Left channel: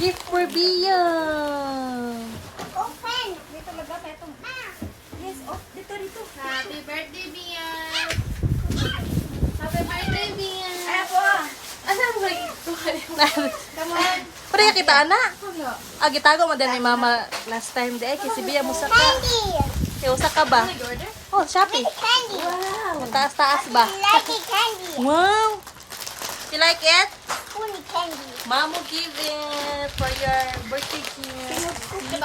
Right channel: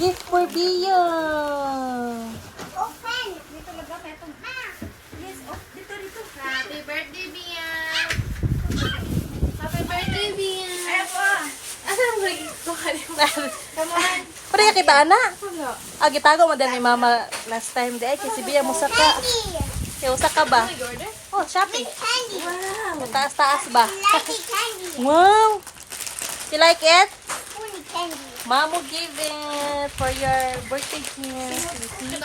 Gift for Bia. Open! Dito talaga tayo itong... Yes, dito. Happy birthday, Bia! Happy birthday, Bia! Ay po! Asa mo lagi? Come on! Pwede ka kita, anak? Gitago mo din ni mama last time. Di ay, kasi Bia mo saka. Kaya usa ka ba? Oh, Shopee. Candy! Wow. Taas-taas ba? Lucky candy! Wow. You like it? Pony candy! Mamo give it for your birthday gift. Candy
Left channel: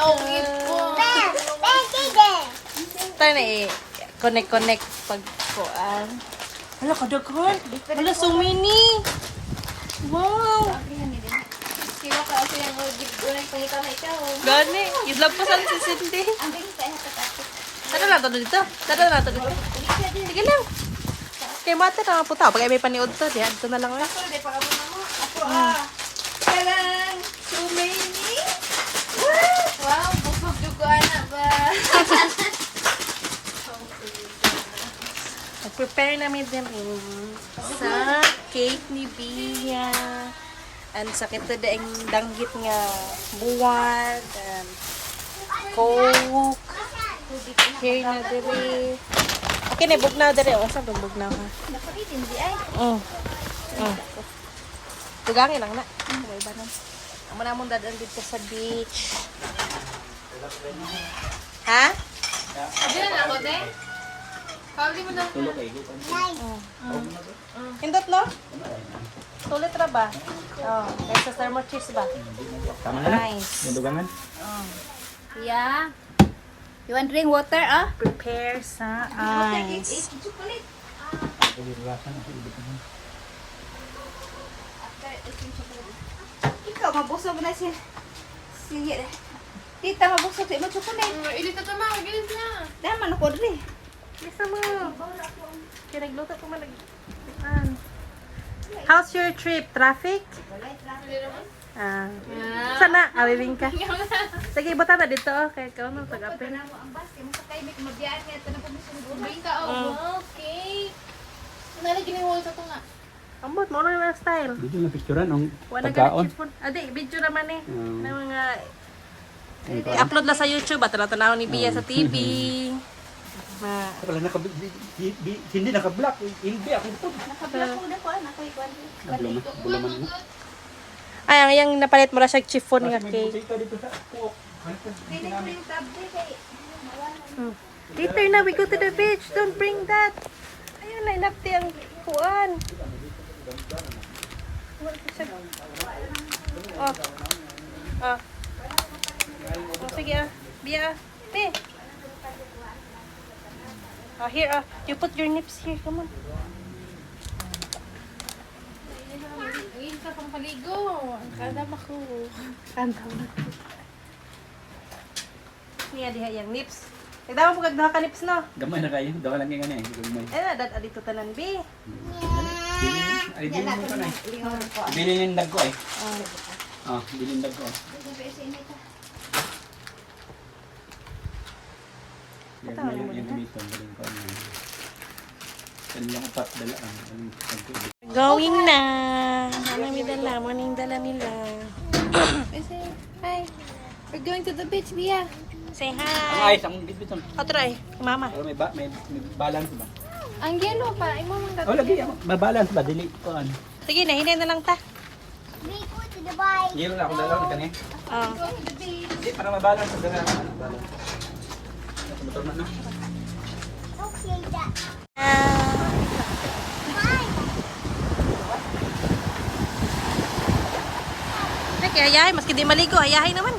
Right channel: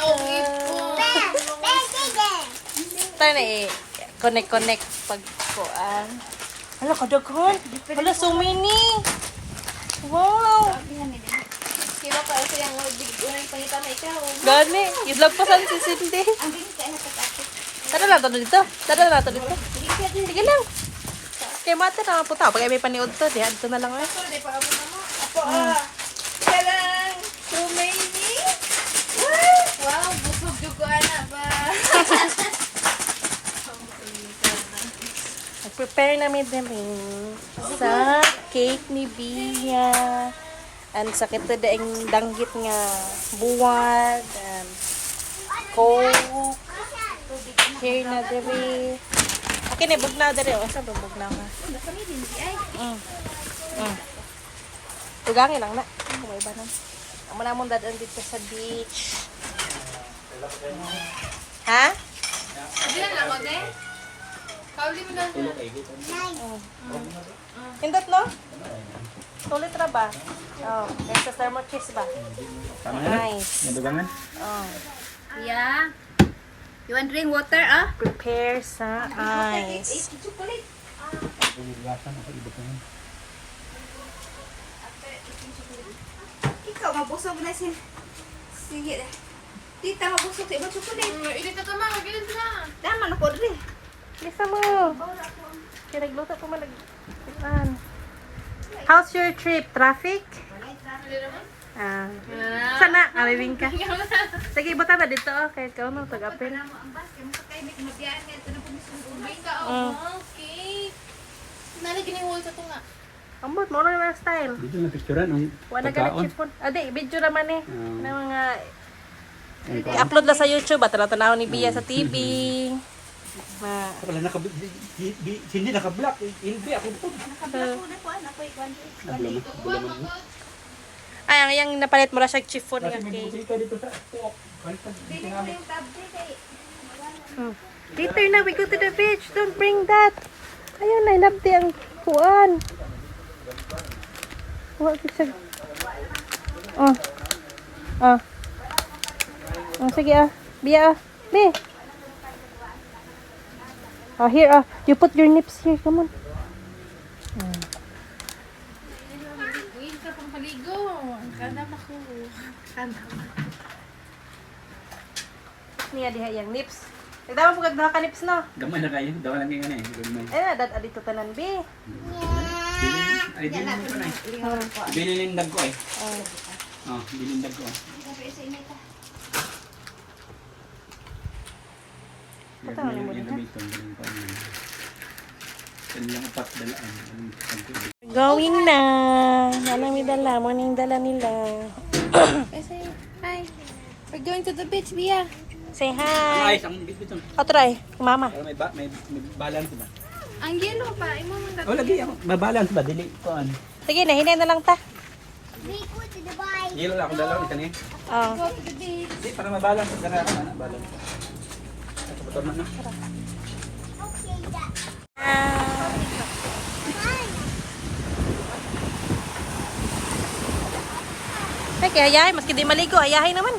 din! Tayo na connect pag kuan. Hala, kadaghan. Hala, so many. Wow. Siwa ka kasi yung bigay pangita na ikaw. Gani. Islagpasan si Cindy. Ang bilis tayo natatakot. Tara lang to dito. Tara lang to dito. Sige lang. Kaya mata na puta. Pag may paniod to, di adto na lang eh. Hindi pa ka mo. Ako Kailan? So many? Wow, busog juga na ba? Nag-prepare namin din rin sa cake ni Bia. And sa kita daing danggit nga buwan. And coke. Here na diri. Okay na, bugnaw diri. O, saan bugnaw ka? Tugangin lang na. May iba na. Amo na mong dadaan dito sa beach. Ha? Hindi na ako, de. Pauli mo na. Hindot no? Tulit ra ba? Oh, there's a thermal kiss ba? Tama na. Nice. Madugangan. Oh. Yeah. You want drink water, Prepare sa ice. Ikaw, mabusog na si... Tita, mabusog. Imo chocolate. Ili ka tama, gilis na. Daman ako rin. Isa mo. Kaya nagluto ko man. How's your trip? Traffic? Sana, awibing ka. Sige, ibutan na dito. Kaya ikaw no, tag-apin. Ang bas, kaya mo sa kayo, may kumabiyaan niya. Ito na po mismo. Ubay ka, okay. Nalagyan yung wall to nga. Ambot, mo lang yung style. Dito na picturean ang Wala pagkaon. ganit chipon. Adi, video naman eh. Na mga... Ang kaon. I-upload na sa YouTube. At tanaw ni Bia sa TV. Wala hindi naka-block. Hindi ako po. Nakabila ko na po. Ako ikaw. Bulaman mo. Ay, ang napalit mo na siya chiffon nga May cake. buti ka dito sa kuok. Hindi ko yung tablet eh. Later na, we go to the beach. Don't bring that. Ayun, I love ang kuan. Huwag ko siya. Sige Bia Bi. Here you put your nips here. Come on. Uy, ka pang paligo. Ang kadam ako. Niya diha yang nips. Nagdama po kagdaha ka nips no. Gamay na kayo. Dawa lang yung ano eh. Gamay. Dad adito tanan Bi. Ay, bilinin ko na eh. Bilinindag ko eh. Binindag ko. Yan na yung dito. Yan lang upat dalaan. Going na. Ano may dala? Ano yung dala nila? Hi. We're going to the beach, Bia. Say hi. Ay, isang bitbiton. Try. Mama. Pero may balance ba? Ang yellow pa. Imo mong Oh, lagi ako. Mabalance ba? Dili ko an. Sige na, hinay na lang ta. We go to the bike. Yelo lang ako dalaw ito ni. go to the beach. Hindi para mabalance ang dala. Balance. Motor na no. Okay, that. Ay, kaya ayahay. Maski di maligo, ayahay naman.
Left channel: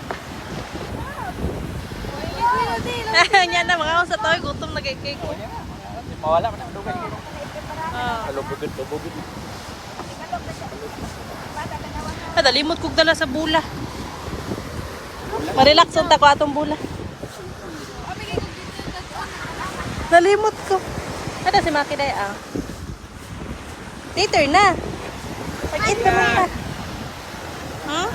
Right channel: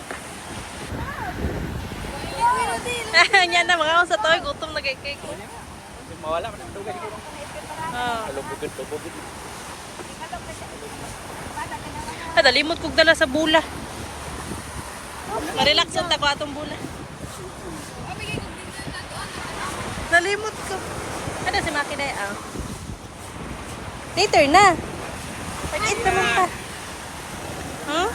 Yan na, mga sa toy. Gutom na kay cake. Mawala ka ng tubig. Lubugit. Dalimot kog dala sa bula. Ma-relax ang tako atong bula. Dalimot ko. Ada si Maki day Later na. Pag-eat naman ka. Huh?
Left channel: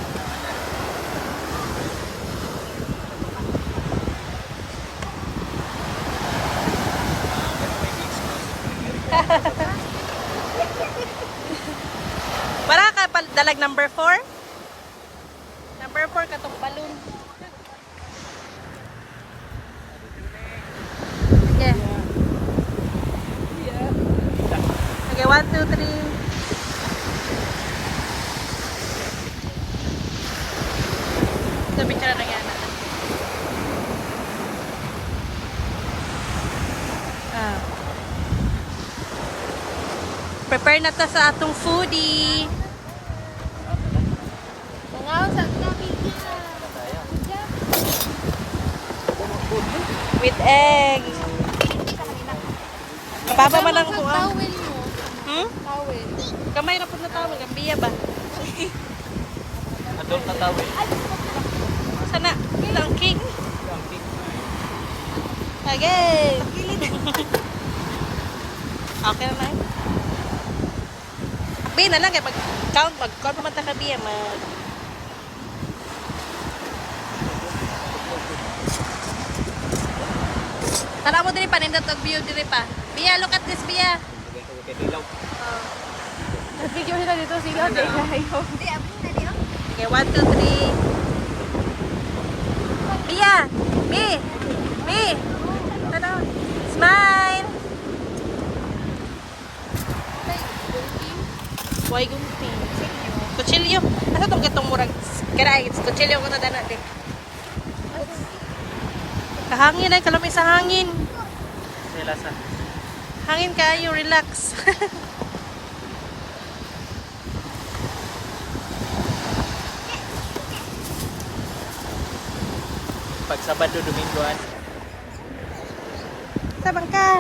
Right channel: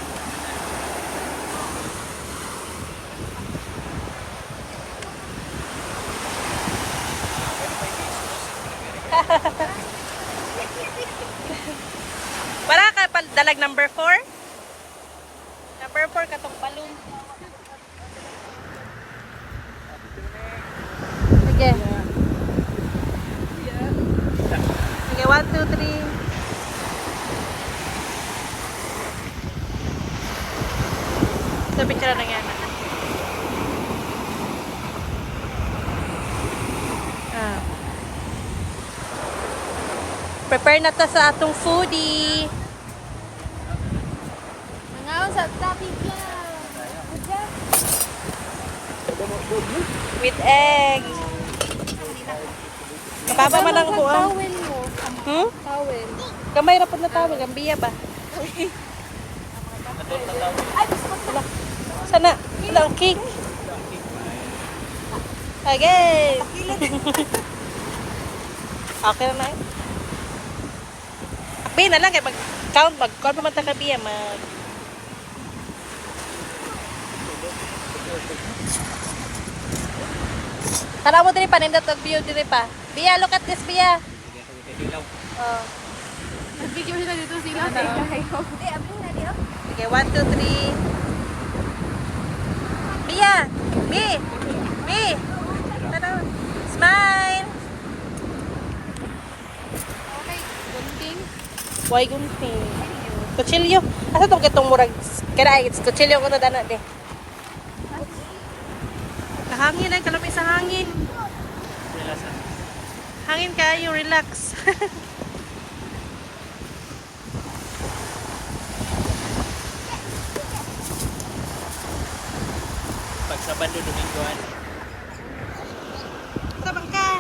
Para ka dalag number 4? Number 4 katong balloon. Okay. Okay, 1, 2, 3. Ito picture na yan. Prepare na ta sa atong foodie. Mangaw sa tabi With egg. Mababa man ang kuan. Towel mo. Hmm? Towel. Kamay ra pud na tawag ang biya ba? Ala. Sana ilang cake. Okay. Okay na na. Akbi na lang kay mag-count mag-count pa man ta ka biya mag Tara mo diri pa nindot og view diri pa. Biya, look at this Biya. Oh. Video nila dito sila na ilayo. Di abong na di. Okay, 1, 2, 3. Biya! Bi! Bi! Ano? Smile! Okay, gunting. Why gunting? Kutsilyo. Asa itong kitong murag? Kaya it's kutsilyo ko ito dana de. Kahangin ay kalamay sa hangin. Hangin kayo, relax. Pag Sabado, Domingo. Sabang ka.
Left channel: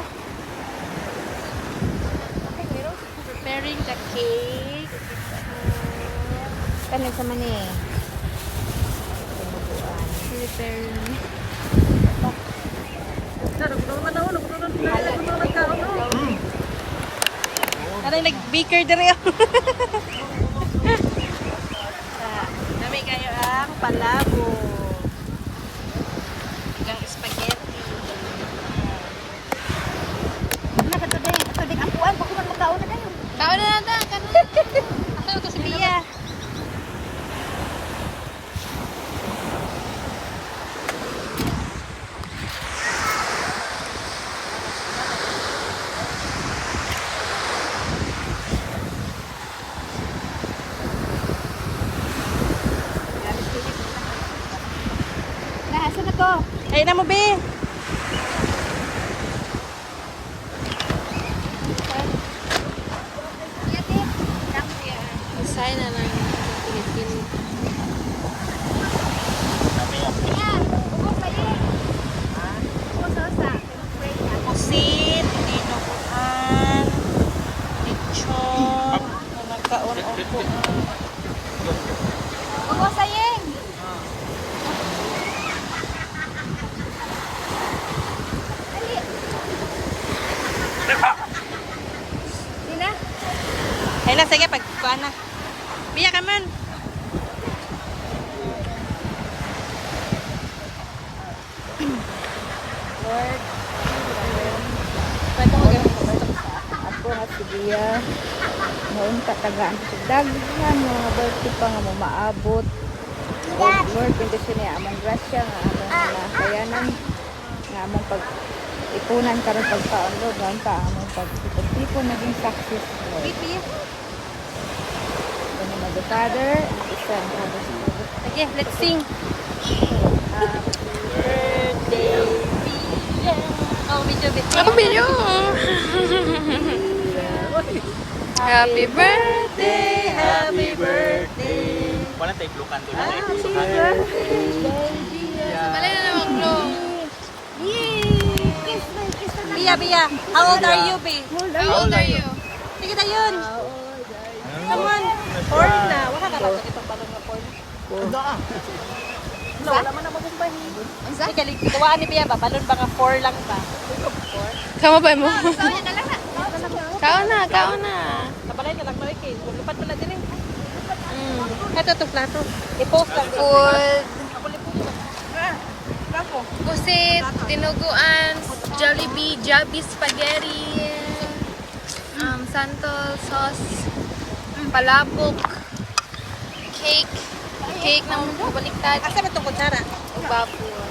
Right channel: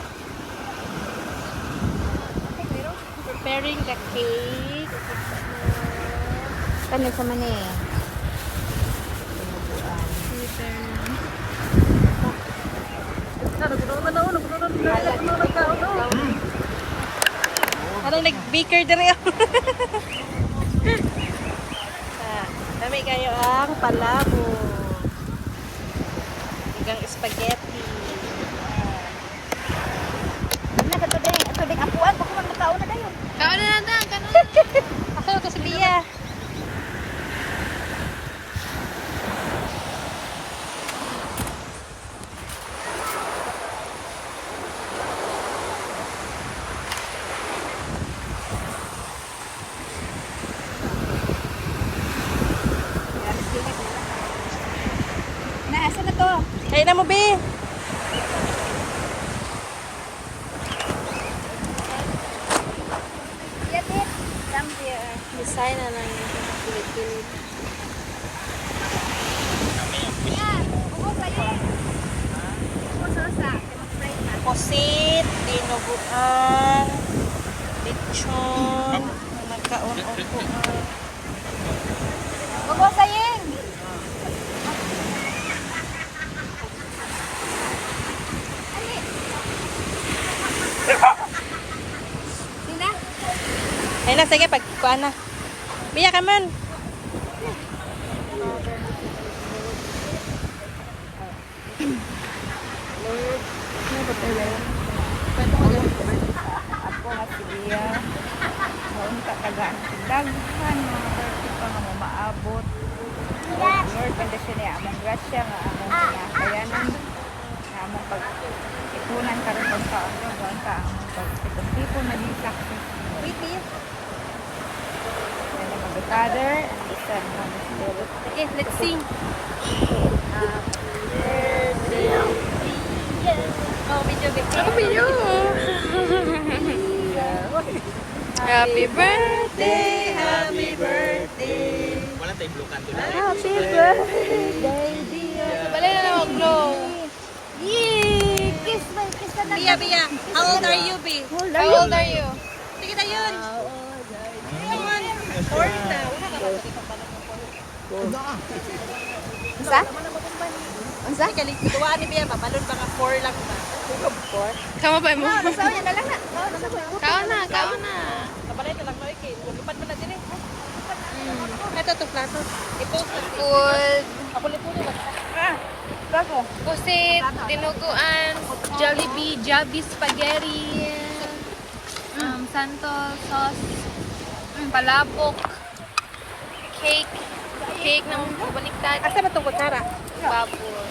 Preparing the cake. Ano sa mani? Preparing. Ano nag-baker dere ako. Dami kayo ang palabo. Hanggang spaghetti. Ito din apuan. Bakit man magkaon na kayo? Kaon na natin. Asa ito si Bia? Nasa na to? Kaya na mo, Bi. Yati. Dampi. Design na lang. Pilipino. Pusit, dinuguan, lechon, nagkaon-upuan. Upo sayeng. Sina? Ay na, sige, pagkuhan na. Biya ka man. Lord. Apo nga si Bia. Noon katagaan sa daghan mga birthday pa nga mo maabot. O Lord, bendisyon niya among grasya nga among nakayanan nga among pag ipunan karon pagkaon Lord, gawon ta ang among pagtipon-tipon naging success Lord. Then mag the Father and the Son and the Holy Spirit. Okay, let's sing. Ako video. Happy birthday, happy birthday. Wala tayong blue canto na. Happy birthday, dear. Balay na naman, bro. Yay! Kiss na, kiss na Bia, Bia, how old are you, Bi? How old are you? Sige na yun. Come on. Foreign na. Wala ka ba sa itong balong na Paul? Isa? Isa? Sige, ligawaan ni Bia ba? Balon ba nga 4 lang ba? Kama ba mo? Kaon na, kaon na. Kabalay ka lang ko, Kate. Lupat ka na din eh. Ito, ito, plato. I-post lang. Food. Ako lipo nila. Pusit, dinuguan, Jollibee, Jollibee spaghetti, santol sauce, palabok, cake cake na baliktad. Asa ba itong kutsara? Ang baboy.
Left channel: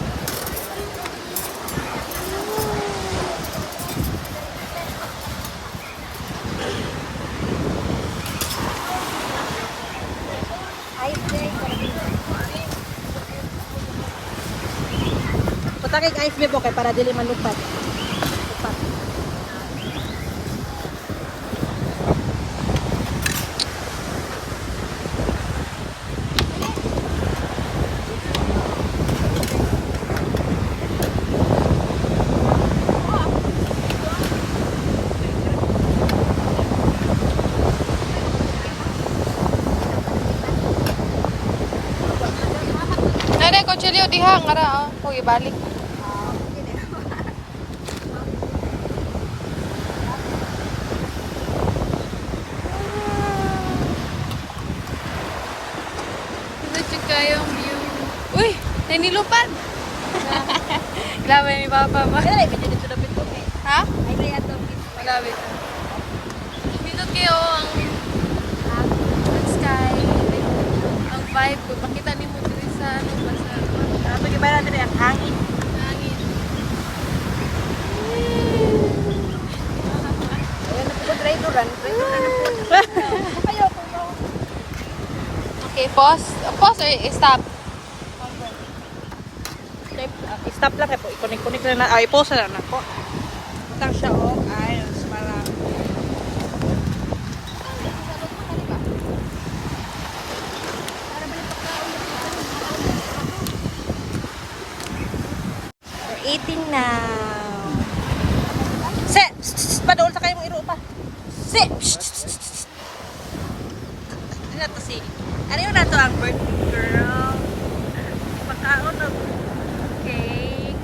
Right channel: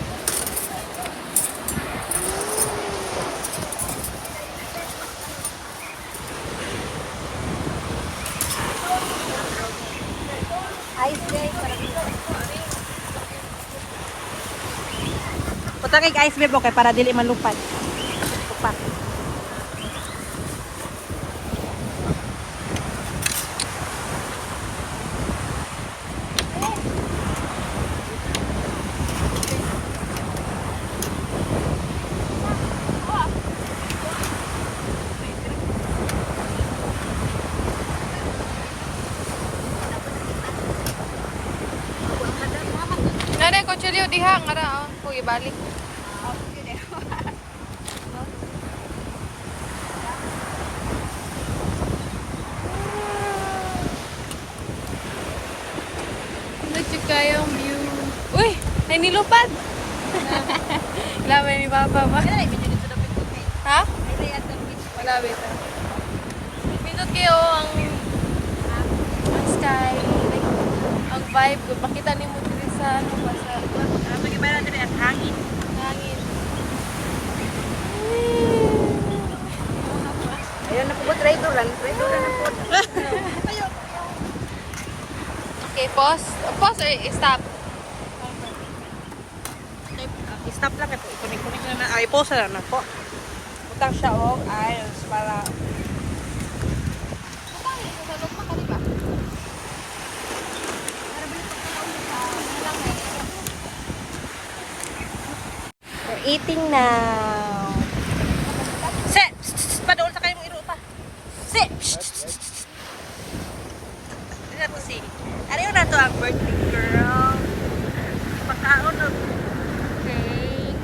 Punta kay ice bebo kay para dili man lupad. Lupa. Nare, kutsilyo diha. Ngara, oh. Ibalik. Ito kayong view. Uy! Ay nilupad! Laban ni Papa ba? Ha? Malapit na. Pindot kayo ang sky. Ang vibe ko. Makita ni mo dito sa ano ba sa Ato gi ba natin ang hangin. hangin. Ayun na po driver kan. Okay, pause. Pause or stop? Stop lang po. Ikunik-kunik na. Ay, pause na na po. Utang siya og ayos para We're eating now. Se! Padoon sa kayong iro pa. Se! Ano na to si? Ano yun na to ang birthday girl? Pagkaon na cake.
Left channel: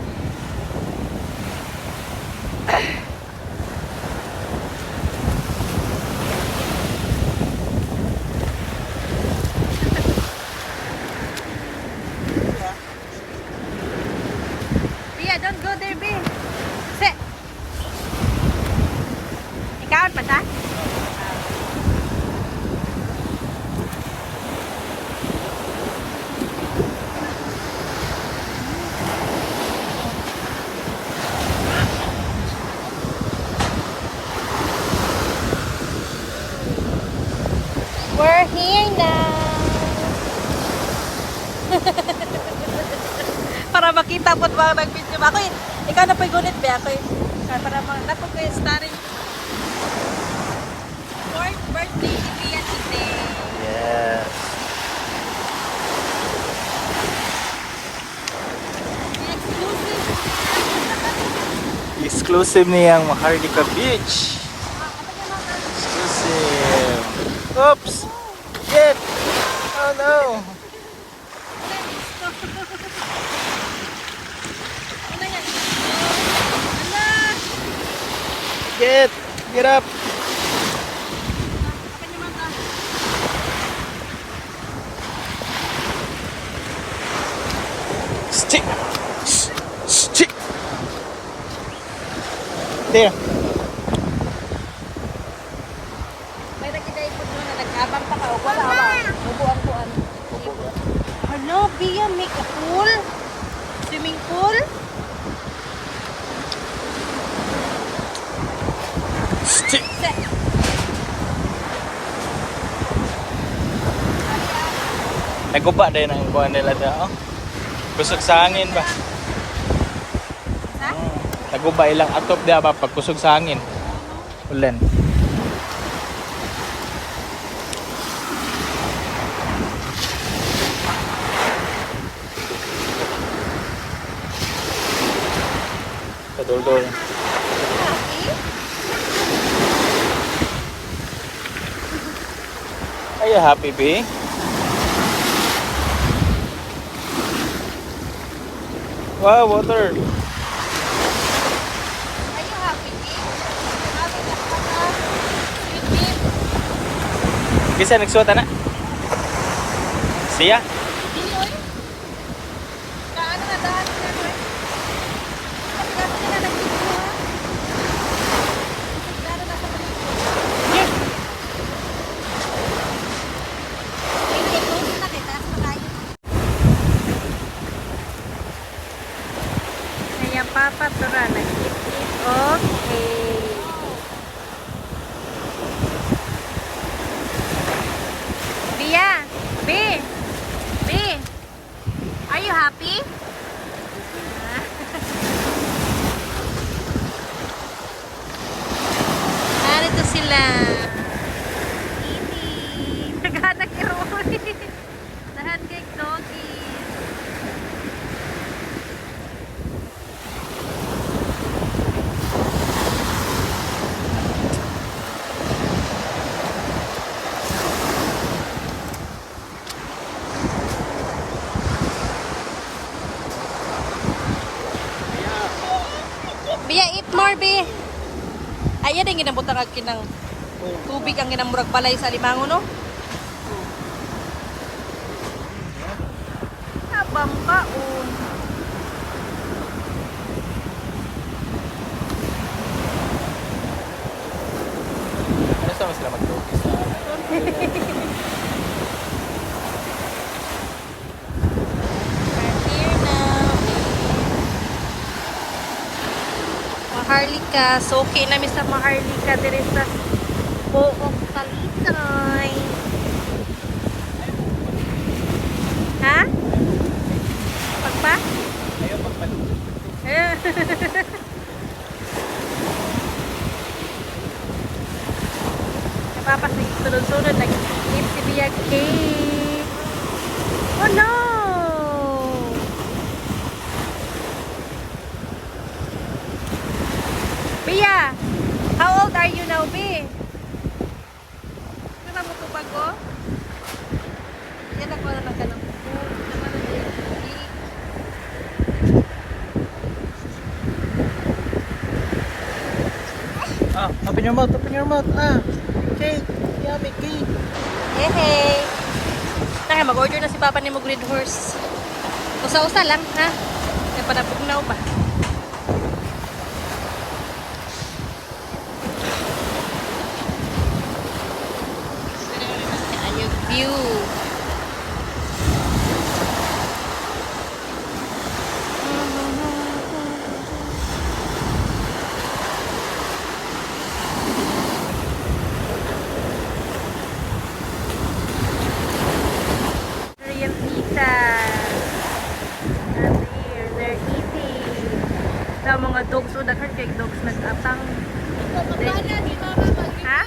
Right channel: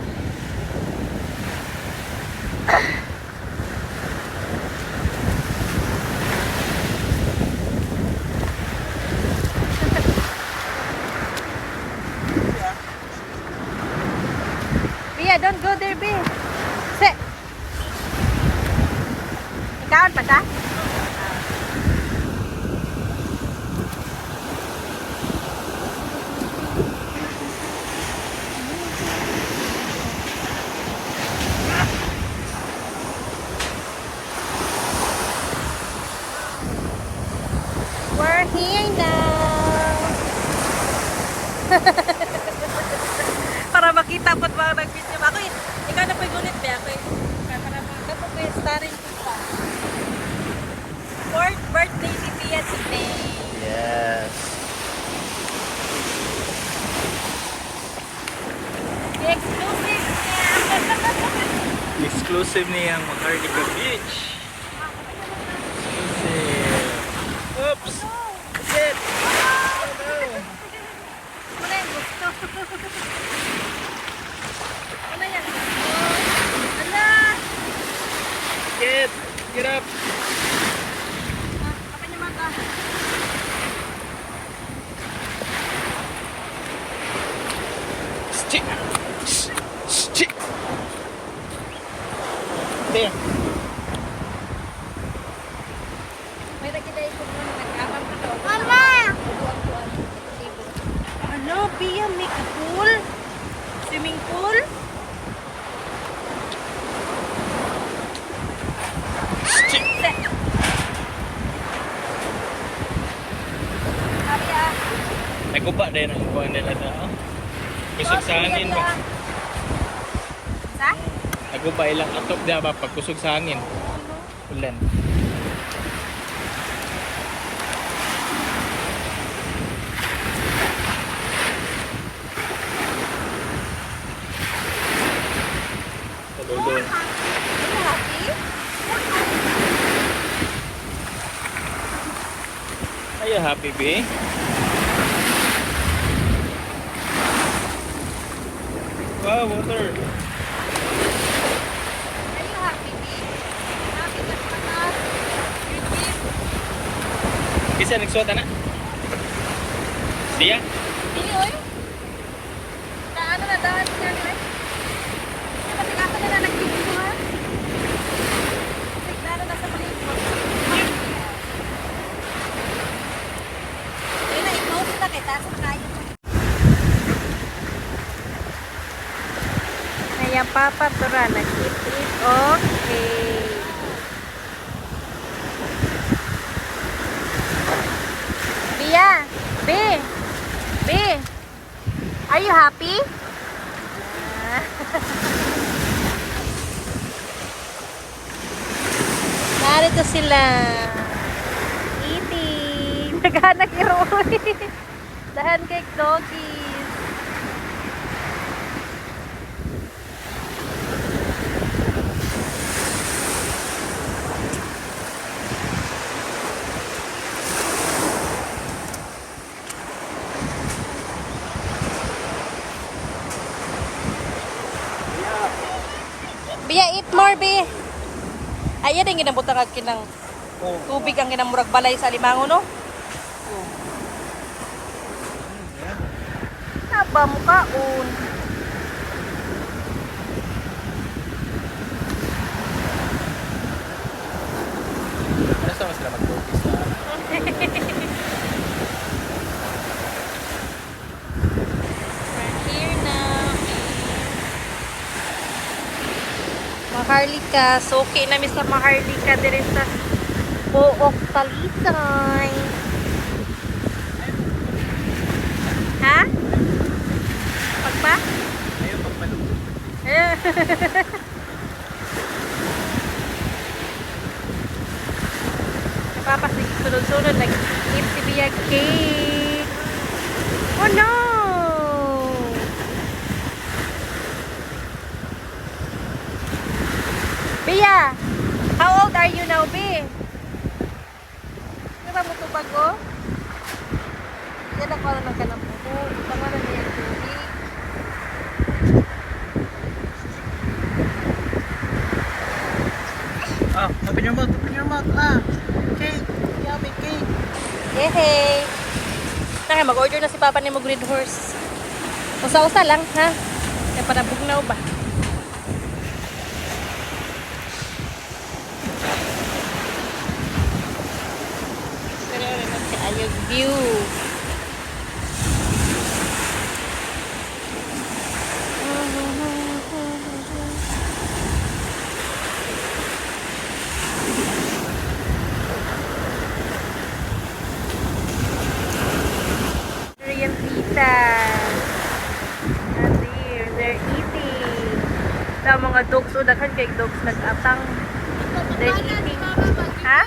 Bia, don't go there, Bia. Se! Ikaw pa siya? We're here now. Para makita po ba nag-video ba? Ako, ikaw na po'y gunit ba? Ako, para nato ko yung story. Fourth birthday ni Bia today. Yes. Exclusive. Exclusive niyang Mahardika Beach. Exclusive. Oops! Shit! Oh no! Wala yung gusto. Wala yan. Ala! Get up! Kapan yung mata? Stick! Stick! There. May nagkakaipod mo na nag-abang pa ka. Mama! Ubuan-buan. Hello, Bia, make a pool? Swimming pool? Stick! Naguba din ang buwan nila na. Oh. Kusog sa hangin ba? Sa? Naguba ilang atop diya ba pag kusog sa hangin? Ulan. Padol-dol. Are you happy, B? Wow, water. Are you happy? Happy ka ano? Kisa nagsuot na? Siya? Dili oy. Kaano na dapat na ni oy? Kasi kaso na nag-video ha. Nagdano na sa palikod. Ay, na-close na kay taas na kayo po. iyang papa tura nag-eat okay. Bia, B, are you happy? Narito sila. Eating. Naghanap ni Roy. Dahan kay doggy. Bia, eat more, Bi. Ayan ang ginabutang ang kinang tubig ang ginamurag balay sa limango, no? Apa mo kaon? Ano sa mas sila mag-dogis sa I'm here now. Maharlika. So, okay na sa Maharlika. Dire sa Pook Talisay. Ha? Pagpa? Ayaw pagpalit. Napapasunod-sunod. Nag-eat si Bia cake. Oh no! Bia, how old are you now, Bi? Di ba mo ito bago? Yan ako na lang ka ng buko. Tama na niya yung tubig. Ah, open your mouth, open your mouth. Ah, cake, yummy cake. Hey! Tara, mag-order na si Papa ni mo Green Horse. Usa-usa lang, ha? Kaya para bugnaw ba? Ayog view. Real pizza. And here, they're eating. Sa mga dogs, o daghan kay dogs nag-atang. They're eating. Ha?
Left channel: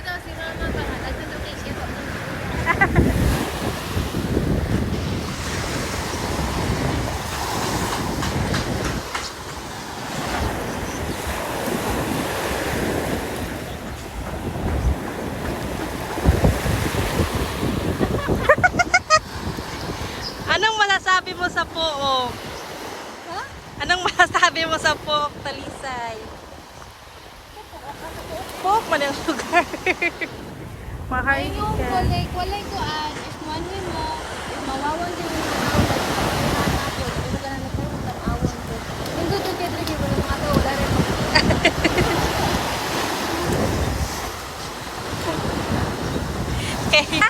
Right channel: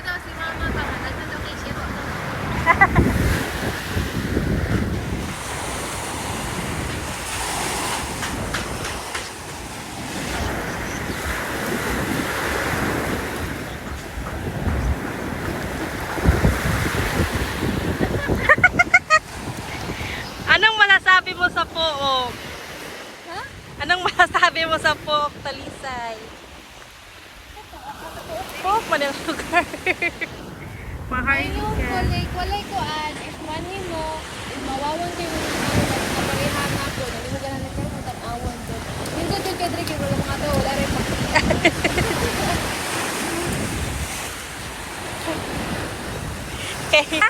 Anong masasabi mo sa Pook? Ha? Anong masasabi mo sa Pook, Talisay? Pook man yung lugar. Mahal Yung walay ko if money mo, if mawawan din yung mga tao, like kaparehan na po, hindi mo ganang nagkaroon ng tag-awan ko. Yung good yung kedri, kaya mga tao, wala rin pa. Okay.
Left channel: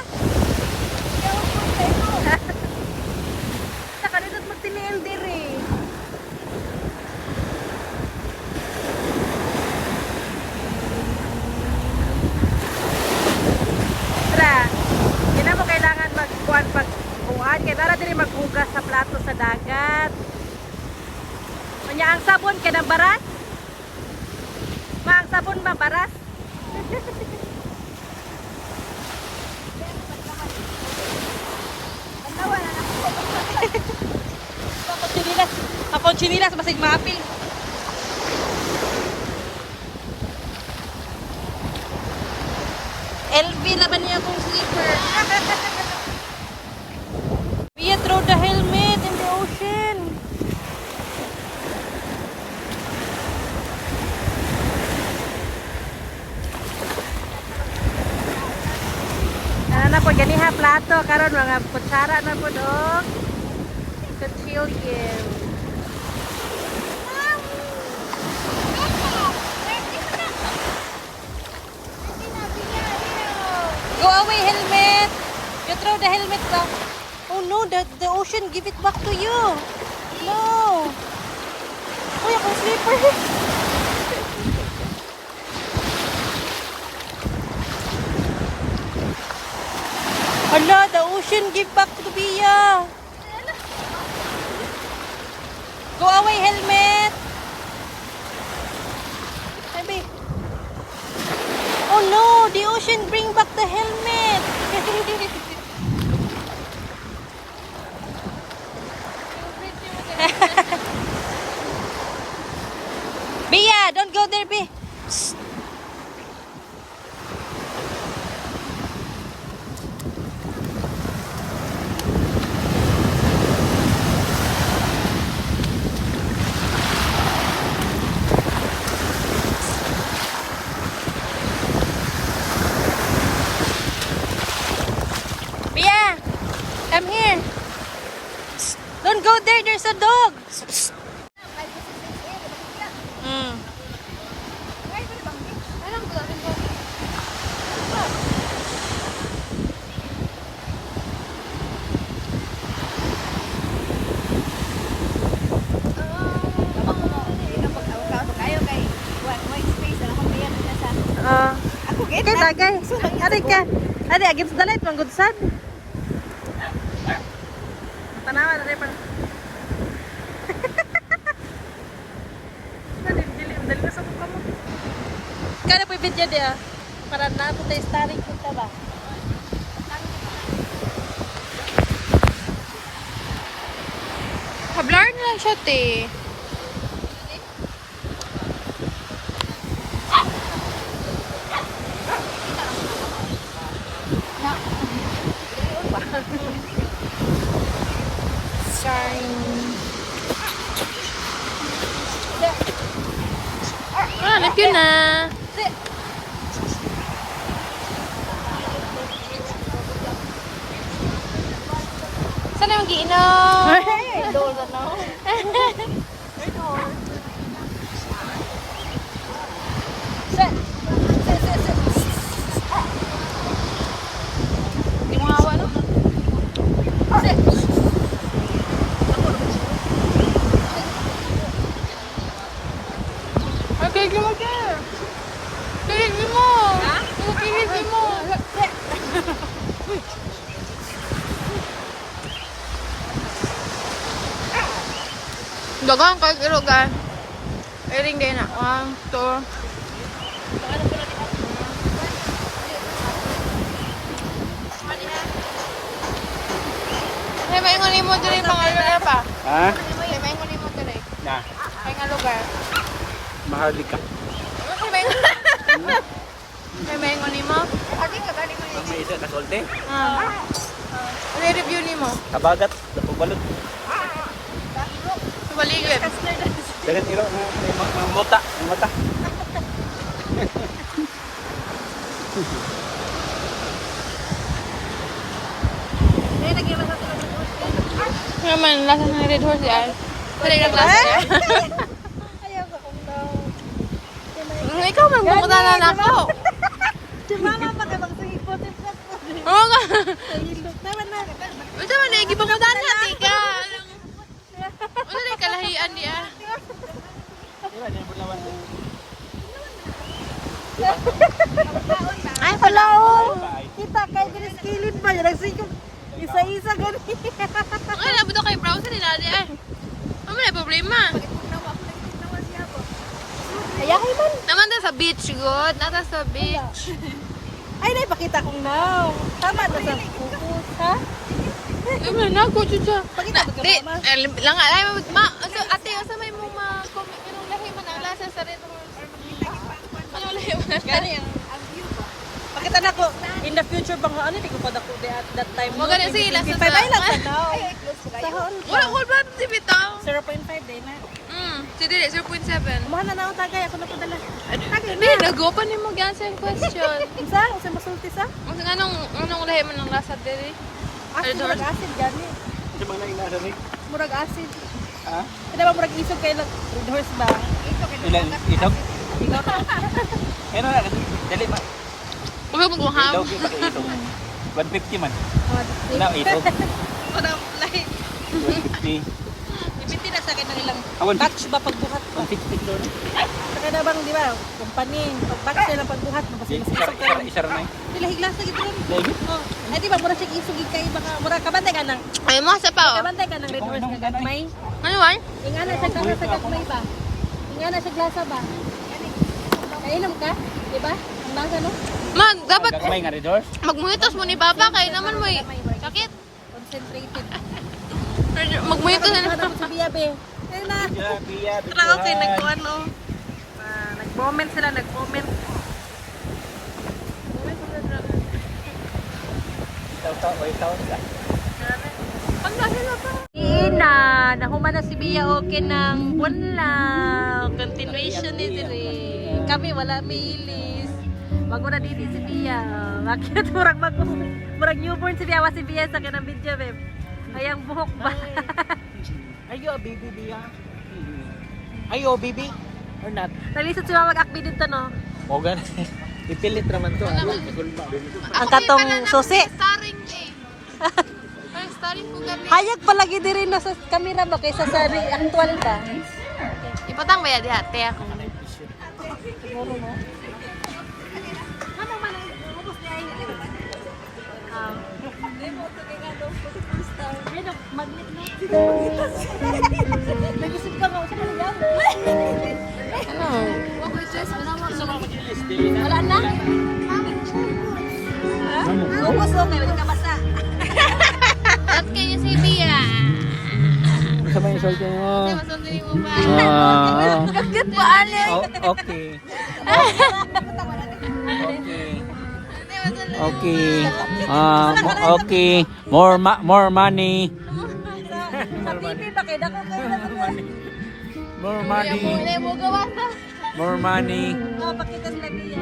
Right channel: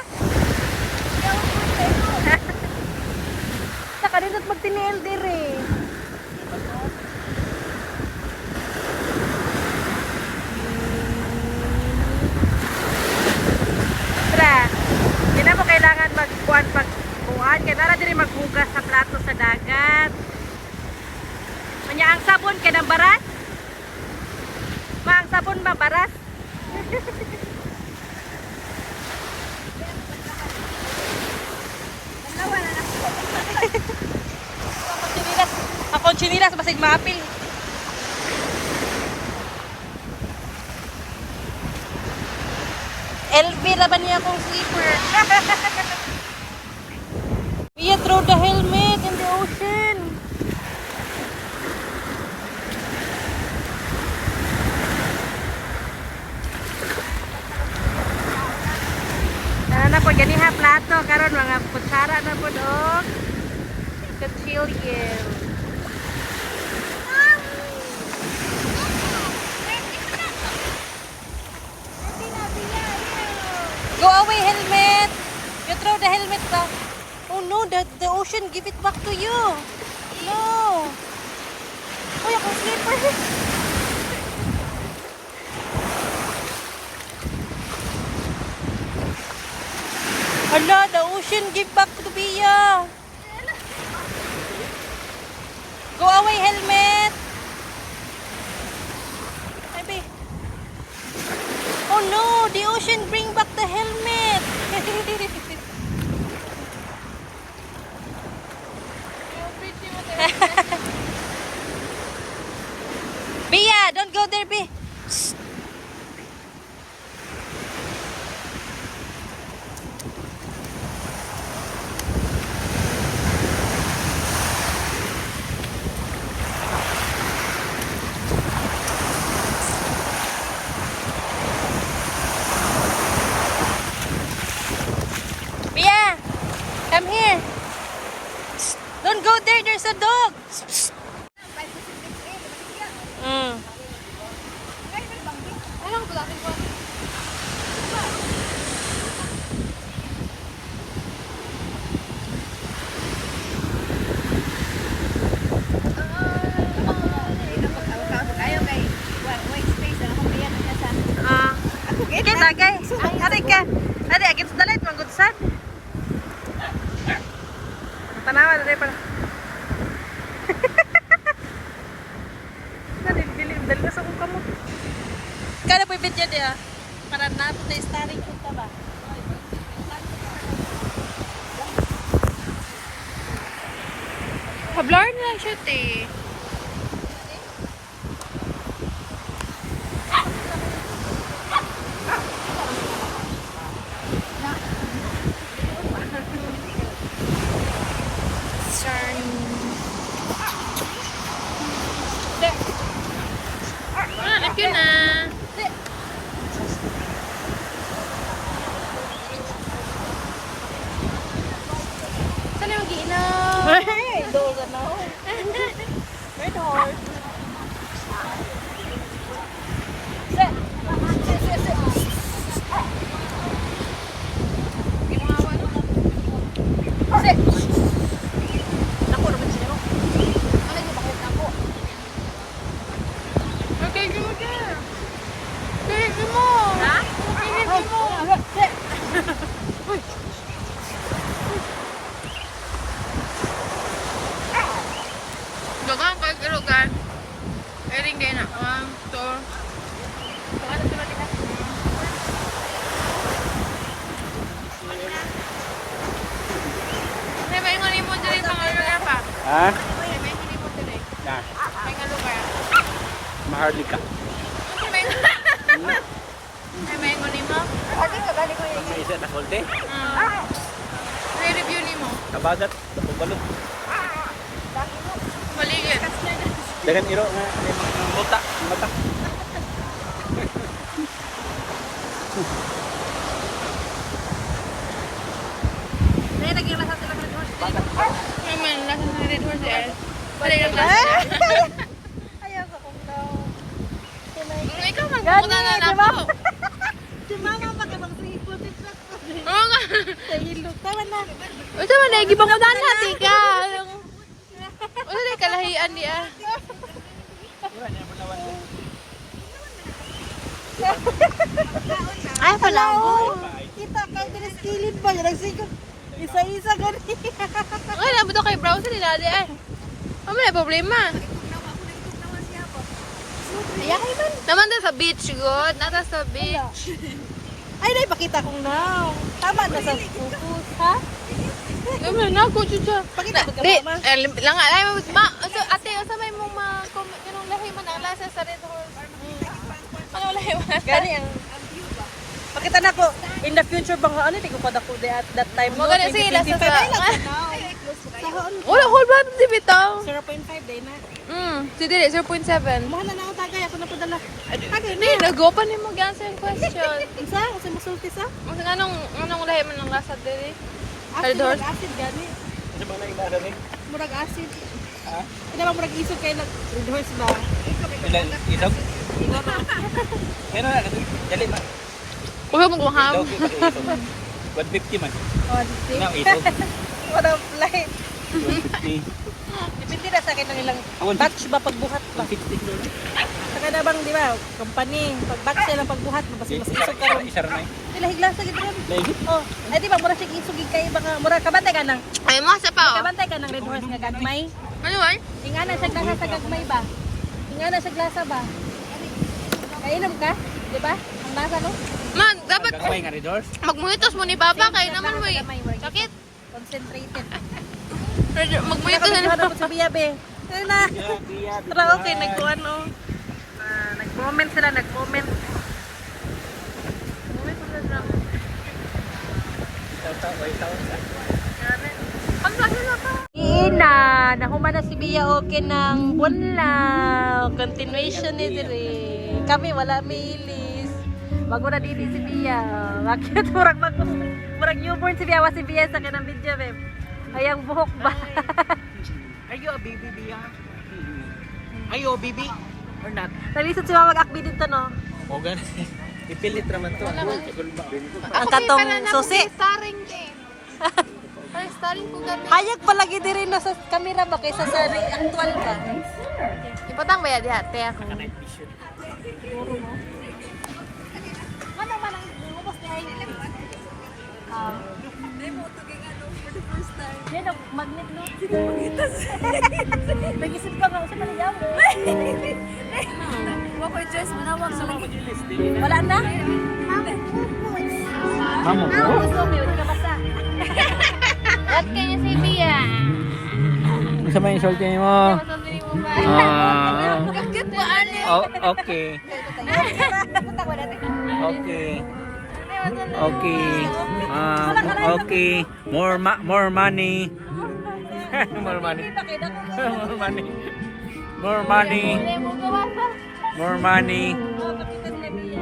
Saka rin at magtiniel dire. Tra, hindi na mo kailangan magbuwan pagbuwan. Kaya nara din maghugas sa plato sa dagat. Kanya ang sabon, kaya baras? Ma, ang sabon ba baras? Ako chinilas basig maapil. LV laban niya akong sleeper. We throw the helmet in the ocean. Na po ganiha plato karon mga kutsara na po dog. The children. Go away, helmet! You throw the helmet back. Oh no, the ocean give it back to you. No. Uy, akong slipper. Hala, the ocean give back to Bia. Go away, helmet. Sabi. Oh no, the ocean bring back the helmet. Bia, don't go there, Bia. Psst. Bia, come here. Psst. Don't go there, there's a dog. Psst. Mm. Okay, tagay. Ari ka. Ari, agit sa dalit, manggod sad. Tanawa, dari pa. Dali ka sa kuka mo. Kaya po yung video dia. Para natin tayo starring punta ba? Hablar na lang siya, te. Hanap yun na. Saan yung giinom? Hey, doza na ho. Right hard. Yung mga awa, no? Okay, mo ka. Kilit mo. Ha? Kilit mo. Dagang kahit irogan. Iring din na. 1, 2. Ay, maingon mo din mga lugar pa. Ha? Ay, maingon mo din. Na, Ay, nga lugar. Maharlika. Ay, maingon mo. Ang may isa kasolte. Review ni mo. Kabagat. Walo. Baligid. Dagan iro nga may mga buta. Ang buta. Naman, lasa ng red horse yan. Pwede ka klase yan. Ayaw ka kung daw. Ikaw, magbukuta na ako. Si mama pa ka magsipot-ipot po. Oo nga. Sa hilok. Tama na. Ito man, di ba mo na tika? Ano na kalahian niya? Ay, pala ako. Kita kay Dres kilid ba? Yan nagsikot. Isa-isa ganun. Ay, nabot ako kay browser ni Daddy eh. Ano na problema? Ayahay man. Naman na sa beach, good. Nata sa beach. Ay, naipakita kong now. Tama na sa focus, ha? Ay, man, ako, chucha. Pakita mo ka, mama. Lang, ay, ate, asa may mong yung lahi man ang lasa sa red horse. Anong lahi man? Ang view ba? Pakita na ko, in the future bang ano, hindi ko pa dako that time. Wag na sige, lasa sa... Ay, lang sa now. Sa hoon ko. Wala, hold on, di bitang. 0.5 day na. Si Dili, 0.7. Kumuha na akong tagay, ako na padala. Tagay Hindi, na. nag-open ni mo answer question. Isa, kasi masulti sa. Kasi anong lahi man ang lasa Dili? Acid, Red horse? murag acid gani. Ano ba na inada ni? Murag acid. Ha? Kada ba murag isog kay red horse ba? Ilan isog? Ingon na. Ano na dali man. Huwag mo kuham. Daw kita isog. 150 man. Oh, Na isog. Ano, lahi. 150. Hindi na sa akin ng ilang Awan batch ba pagbuhat. 160 kilo. Saka na bang, di ba, company, pag-back sila ng pagbuhat, mas isog ka ron. Isa rin ay. Sila higlas na gito rin. Lagi? Oh, ay di ba, mura siya isugig kayo, baka mura kabantay ka nang, Ay mo sa pa oh. kabantay ka nang red horse nga gagmay. Ano man? Ingana siya ka sa gagmay ba? Ingana siya glasa ba? Kainom ka, di ba? Ang nasa no? Mag dapat Gagmay nga Redors. magmunitos mo ni Papa kay naman mo sakit. Concentrated. Magmunitos na. Ano sa biya, be? Ano na? Tara okay nagkuan oh. Nag-comment sila, nag-comment. Ina, nahuman na si Bia okay ng bunlaw. Continuation ni dire. Kami wala milis. Bago na didi si Bia. Bakit murag newborn si Bia, si Bia sa kanang video, babe. Ayang buhok ba? Are you a baby, Bia? Are you a baby? Or not? Nalisod si Mama mag-akbi dito, no? O gan. Ipilit naman to. Ang katong susi. Starin eh. Starin ko kami. Hayag palagi diri na sa kamera ba kaysa sa actual ka. Ipatang ba ya di ate ako. Siguro mo. Ano man ang ubos niya ay demo to kay ano for the first time. Yan ang magnet no. Magitas. Nag-isip ka nga sa Malayam. Ano? Wako dress manawag na lang. Wala na. Mamo ko. Ubos mo kay wala ka basa. At kanya si Bia. Ano sa may isulti mo? Sandali mo ba? Kagat mo ale. Okay. Okay. Okay. Okay. More money. More money. Ba kay dako ka. More money. Wala mo gawasa. More money. Oh, pakita sa Bia.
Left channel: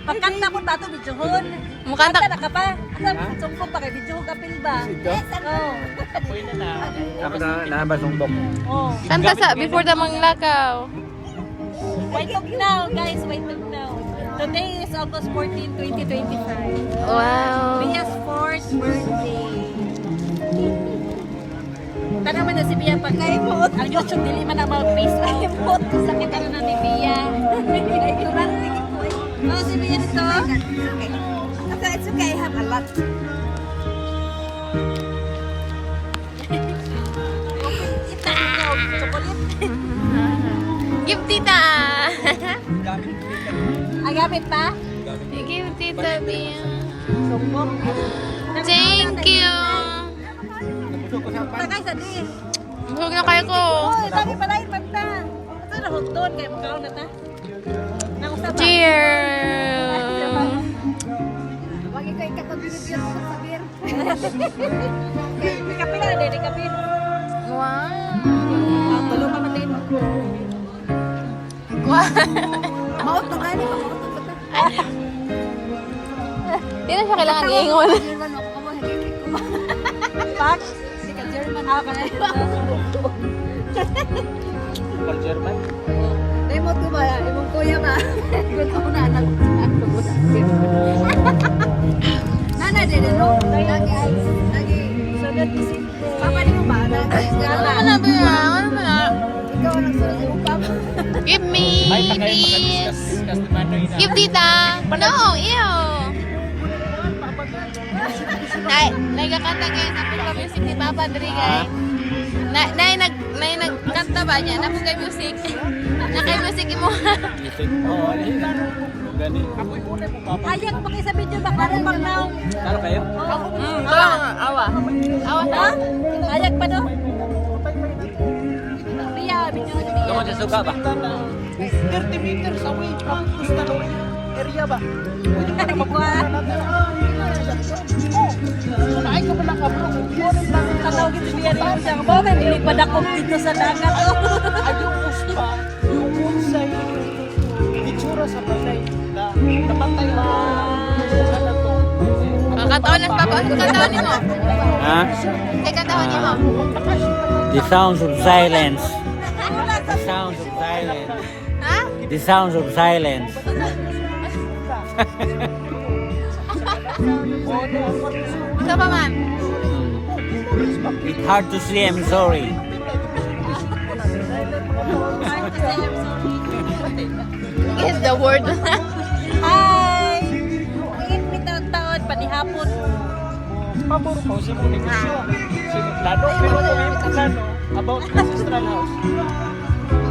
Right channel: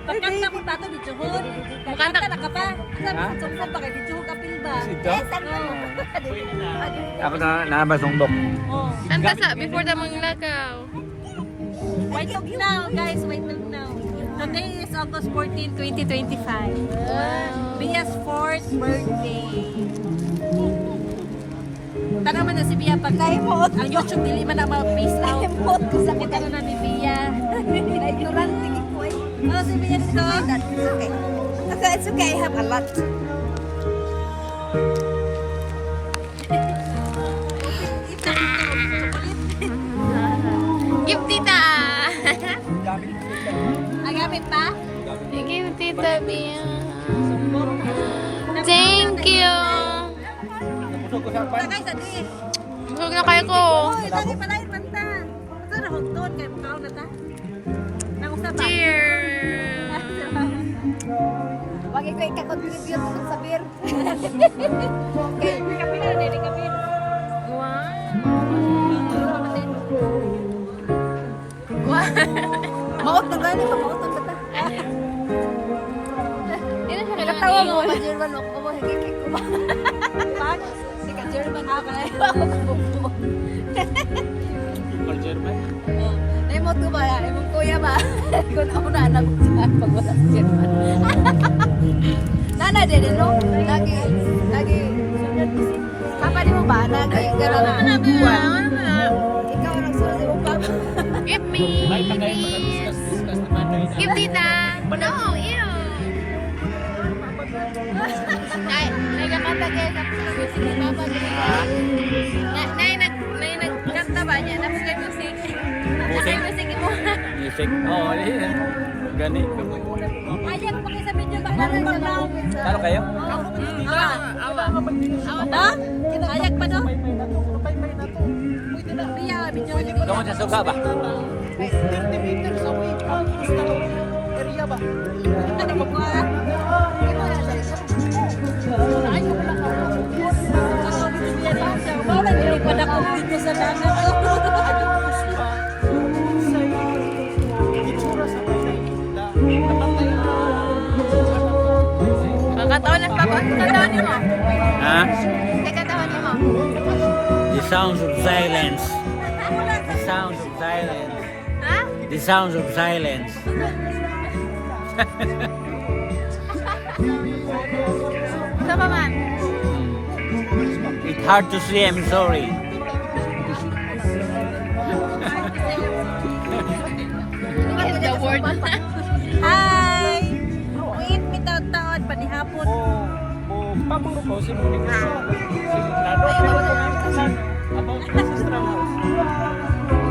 Pagkanta mo tato bijuhon. Mukanta. Na ka pa. Asa mo sumsum pa kay bijuhon kapil ba? Saan mo? Dapat na nabasumbok. Oh. Kanta sa before the manglakaw. White Talk now, guys. White Talk now. Today is August 14, 2025. Wow. Bia's 4th birthday. Tanong mo na si Bia pag ang YouTube dili man na mag-face out. Sakit na ni Bia. Oh, si Bia dito. It's okay. I have a lot. Give tita. Ang gamit pa? Give tita Bia. Sumbong. Thank you. Kaya sa din. Busog na kayo ko. Oy, dali pala yung magta. Ito na hugton kaya makaon na ta. Nangusap. Cheers. Wag ikaw ika-contribute sa beer. Kaya kapila na din, kapila. Wow. Tulungan natin. Wow. Maot na gani, maot na bata. Hindi na siya kailangan iingon. German ako mo, hindi ko ba. Pak, si ka German ako na. For German? Demo to ba? Demo kuya ba? Kung ko na anak sa ako ko sa German. Nana din no. Lagi Papa di mo ba na? Ano naman na ba? Ano naman na? Ikaw ang sulat mo papa. Give me, please. Give tita. No, ew. Nay, nagkakanta kayo sa puka music ni Papa dali Nay, nagkanta ba niya? Napugay music. Nakay music mo. Music? Oo, gani. Ayak pa kayo sa video ba? Parang now. Ano kayo? Awa. Awa. Na? Ayak pa no? Biya, video lagi. Ako sa suka ba? 30 meters away from area ba? Ay, ko pala ka po. Tatawag ito biya rin siya. Bakit nilipad ako dito sa dagat? Kakataon na Papa. Ano kakataon mo? Ha? Ano kakataon mo? The sounds of silence. The sounds of silence. Ha? The sounds of silence. Ito pa man. It's hard to see, I'm sorry. I'm sorry. is the word. Hi! Wait, may taon panihapon. Pabor mo, simuling mo. About the ancestral house.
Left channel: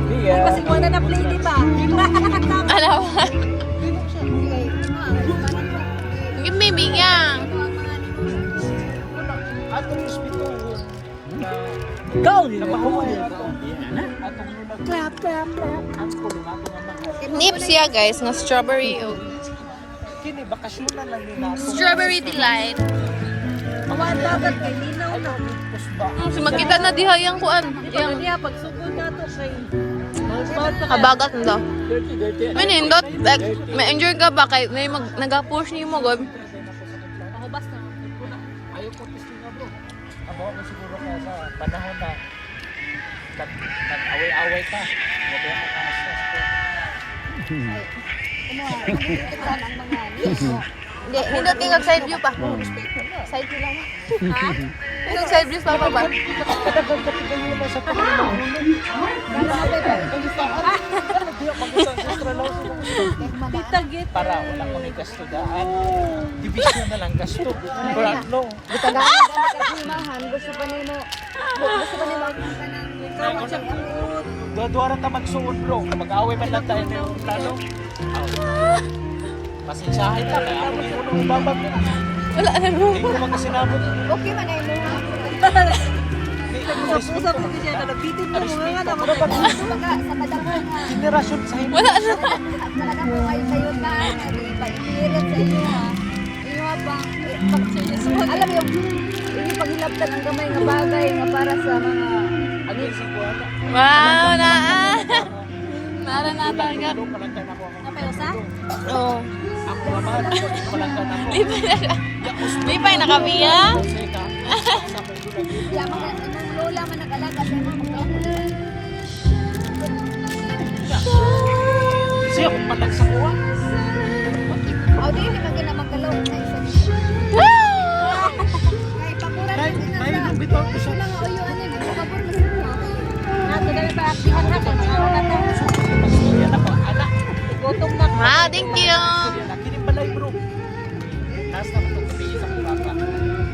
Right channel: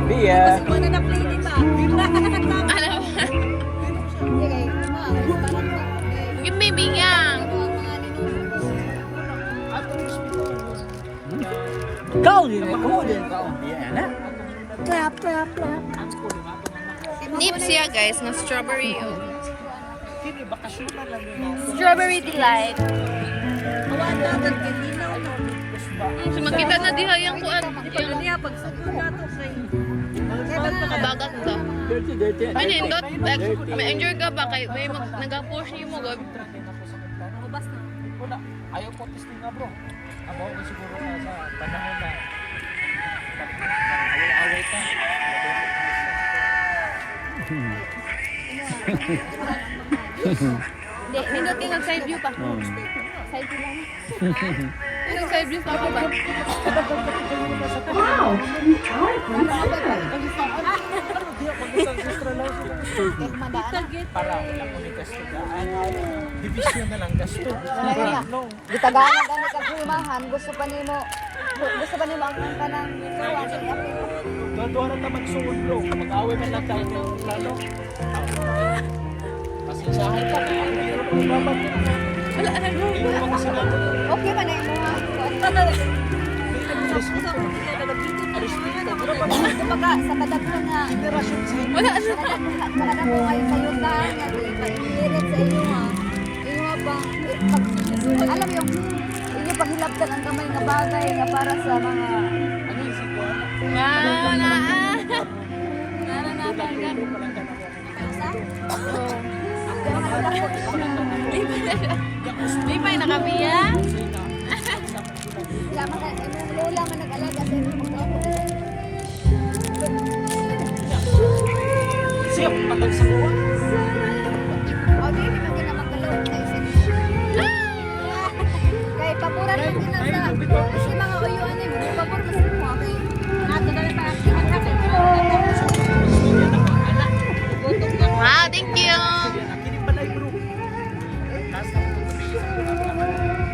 Bia. Kasi mo na na-play, di ba? Ano ba? Give me bigang. Ikaw, napakuli. Nips siya guys, nga strawberry. Oh. Kini, bakasyonan lang yun. Strawberry delight. So makita na diha yung kuan. Yung kabagat nito. May nindot, like, may enjoy ka ba kay may nag-push niyo mo god. Ayaw ko testing nga bro. Abo ko siguro ka sa panahon na away-away ka. Hindi tingog side view pa. Side view lang. Tingog side view pa ba? Para wala kami gastugaan. Division na lang gasto. Brano. Gitagaan na gani ka humahan, gusto pa nimo ang kanang Duwara ka magsuon bro. Mag-away man lang tayo ng plano. Pasensyahin ka. Kaya ako muna mababat. Wala na bro. Hindi mo mga sinabot. okay man ay mo ha. Baka sa kadako nga Wala na. kadako kayo kayo ka nga di pa ihirit sa iyo ha. Iyo bang alam mo yung inyo paghilabtan ang gamay nga bagay nga para sa mga Wow, na. Mara na talaga. Oh. Lipay na kami ya. ya mga anong lola man nag-alaga sa mga magkalaki. Siya, malansinuan. Aw di naman gina magkalaw na isa dito. Kay paboran man din sa kasi mga uyuan ni may pabor kasi mo. Ato dali pa aktihan natin. Wow, thank you. Nakinig pa tayo bro. Last time ko sabihin sa mga papa.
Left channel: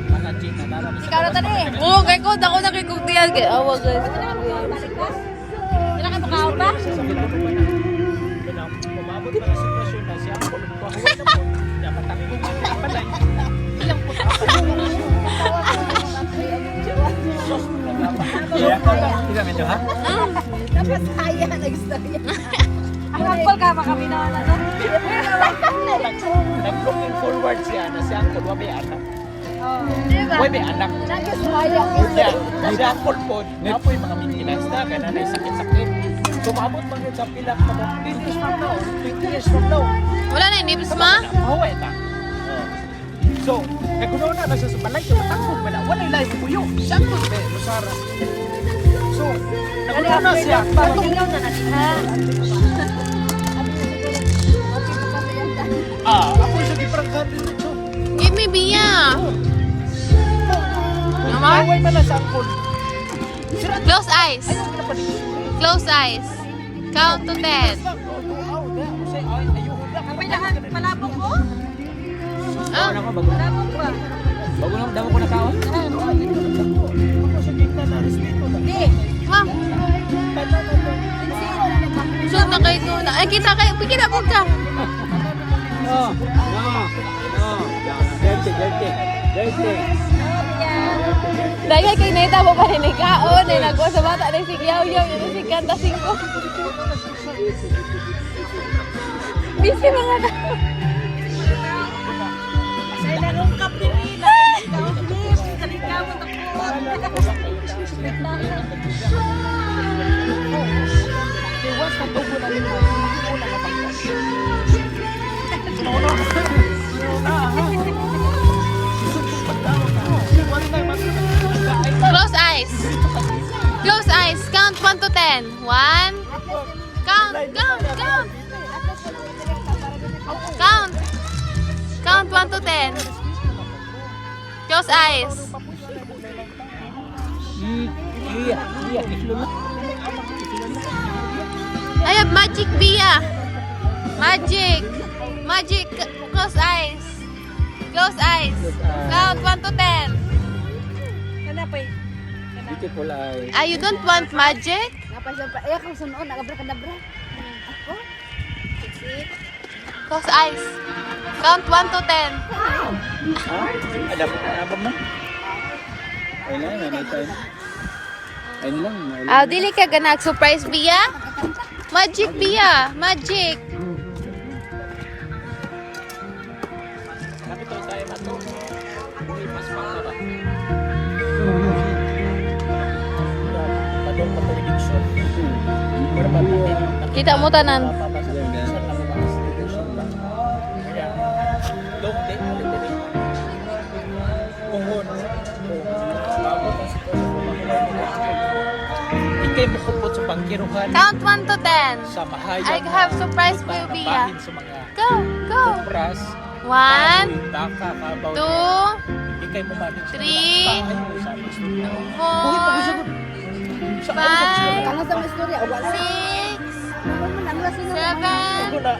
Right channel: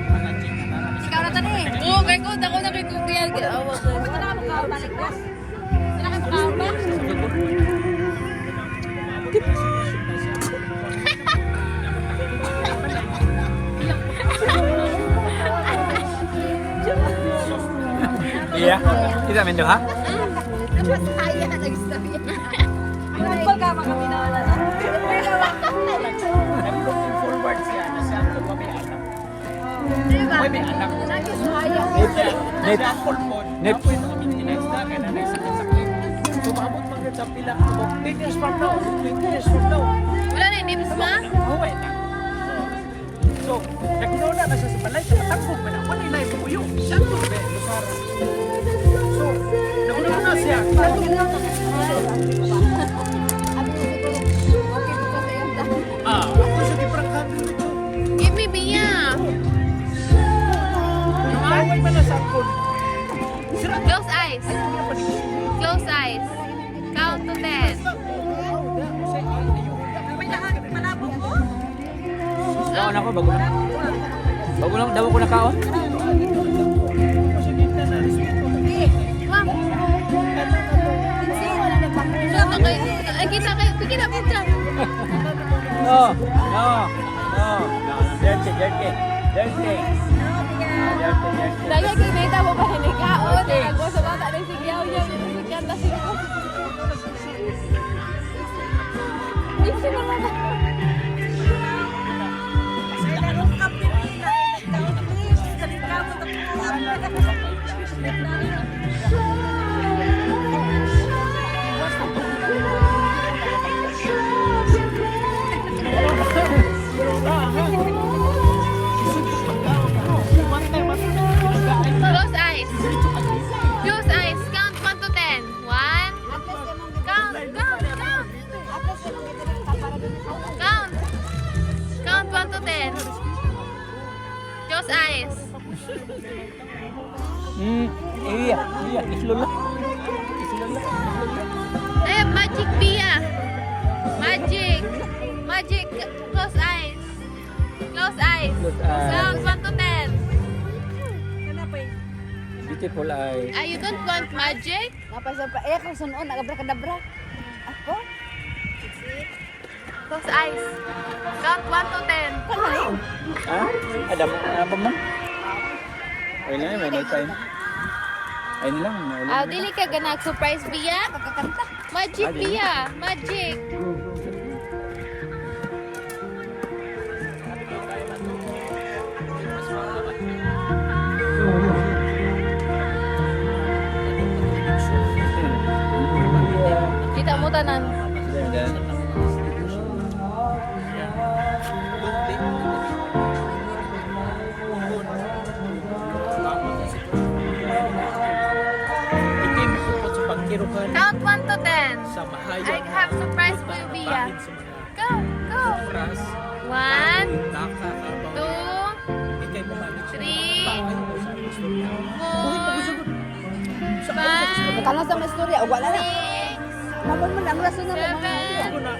Mga chika, para mas Ikaw na tani. Oh, kay ko dako na kay kukiyan kay awag. Pwede na mo ka balik ba? Dili ka tukaw ba? Umabot pa ng sitwasyon na siya ako. Iya, kita main doha. Dapat saya nag-istorya. Kapag ka kami na wala. Nag-looking forward siya na siya ako may anak. May anak. Nag-sayang. Siya ako po. Apo yung mga maintenance na kaya na sakit-sakit. Tumabot pa rin sa pilak na 10 years from now. 20 years from now. Wala na nips ma? Okay na. So, kung na nasa sa balay ka, matangkog pa na. Wala'y layo mo yun. Siya ko sa bayo, Sara. So, nagunaw na siya. Atong lang na Abi na siguro, okay po pa sa iyang plan. Ako sa kiprangkan dito. Give me biya. Naman? Away man lang sa angkol. Close eyes. Close eyes. Count to 10. Ah. Bago daw ko na kao. Ma'am. Zoom na kayo. Ay, kita kayo. Pikira po ka. Dahil kay Neta mo pa rin ikaon. Ay, nagwa sa bata. Ay, sigyaw-yaw. Ay, sigkanta singko. Busy mga ka. Close eyes. Close eyes. Count 1 to 10. 1. Count. Count 1 to 10. Close eyes. Iya, kislolo. I have magic Bia. Magic. Magic. Close eyes. Close eyes. Count 1 to 10. Beautiful eye. Ah, you don't want magic? Napasya pa. Eh, kung sunoon, nagabra-kadabra. Ako? Close eyes. Count 1 to 10. Alam mo? Wala na, wala tayo. Ayun lang. Ah, dili ka ganag surprise biya? Magic biya. Magic. Kita mo tanan. Ikay mo kupot sa pangkiruhan Count 1 to 10. sa mahayag. I have surprise for you, Bia. Bahin sa mga Go, go. oras. 1, Daka, kabaw. 2, Ikay mo mabit siya. 3, Ayaw mo sa gusto mo. 4, 5, Kalang sa mga istorya, o wala na. 6, Naman mo, ang lasunod naman. 7, Ano na?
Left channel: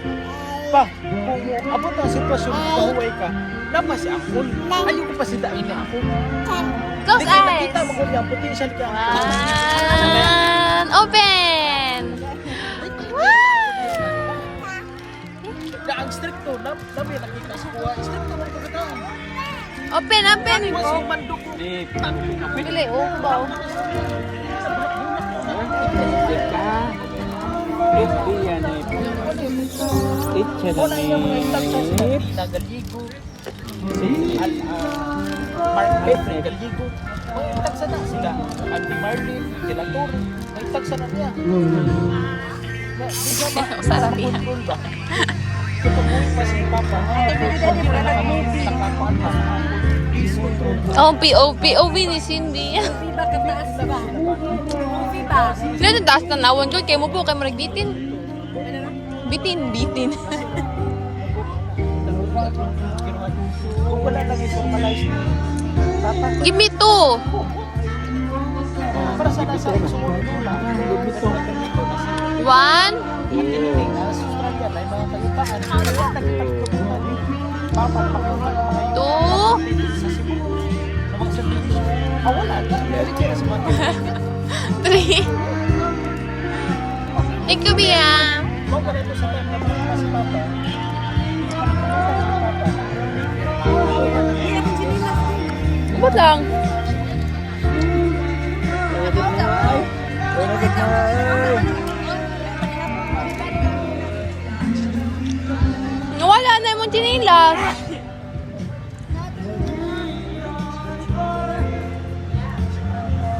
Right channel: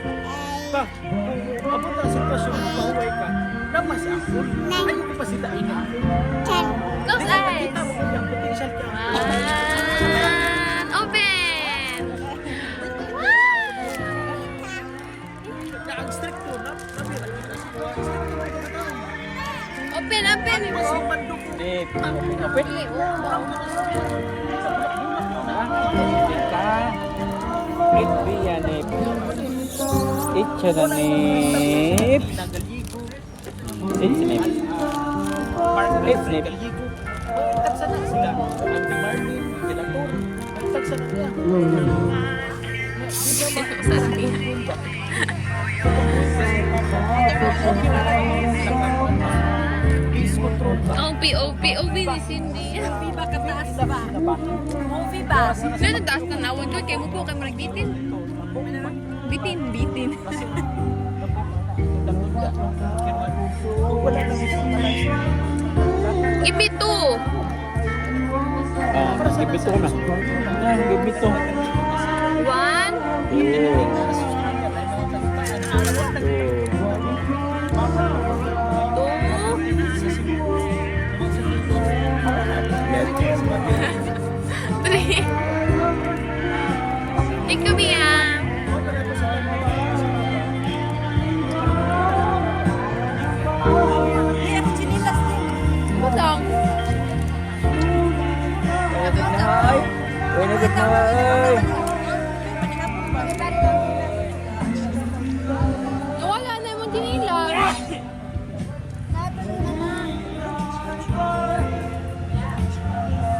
Pa, kung abot ang sitwasyon mo, mahuway ka, naman si Apple. Ayaw ko pa si Dain na Apple. close Hindi ka eyes. nakita mo kung yung potential ka. 1, open. Na ang stricto, namin nakita sa kuha. Stricto man ito ka. Open, open. Si Mandok. Nip, kapit. Pili, ubaw. Nip, yan, nip. Itcha na nip. Nagaligo. Si Mark F. Nagaligo. Tagsa na sila. Andy Martin, Delator. Nagtagsa na niya. Sarap yan. Tutunguin pa si Papa. Please control. Oh, POV ni Cindy. Movie ba kataas na ba? Movie ba? Sila na taas na nawon ko. Kaya mo po kayo maragbitin. Bitin. Kung wala na visualize. Give me 2. Para sa basa. Bito. 1, Pagdating sa Australia, may mga kalutaan. Wala na kita. 2, 3. Ikaw biya. Ba't lang? Nawala na yung chinilas.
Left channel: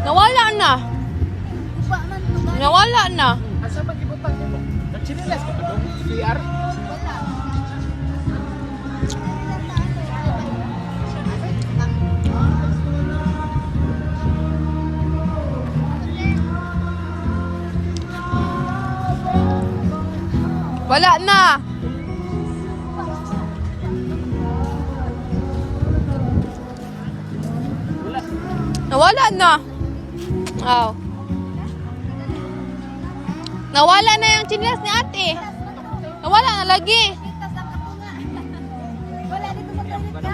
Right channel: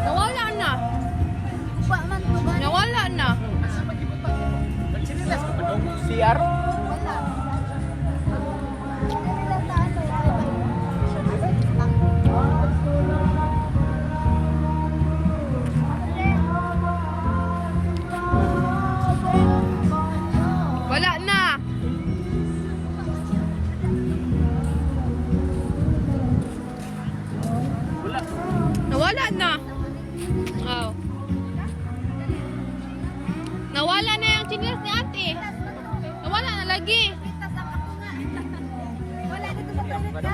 Nawala na. Nawala na. Sinilas ka pa daw CR? Wala na. Nawala na. Oh. Nawala na yung chinelas ni ate. Nawala na lagi. Wala dito sa toilet ka.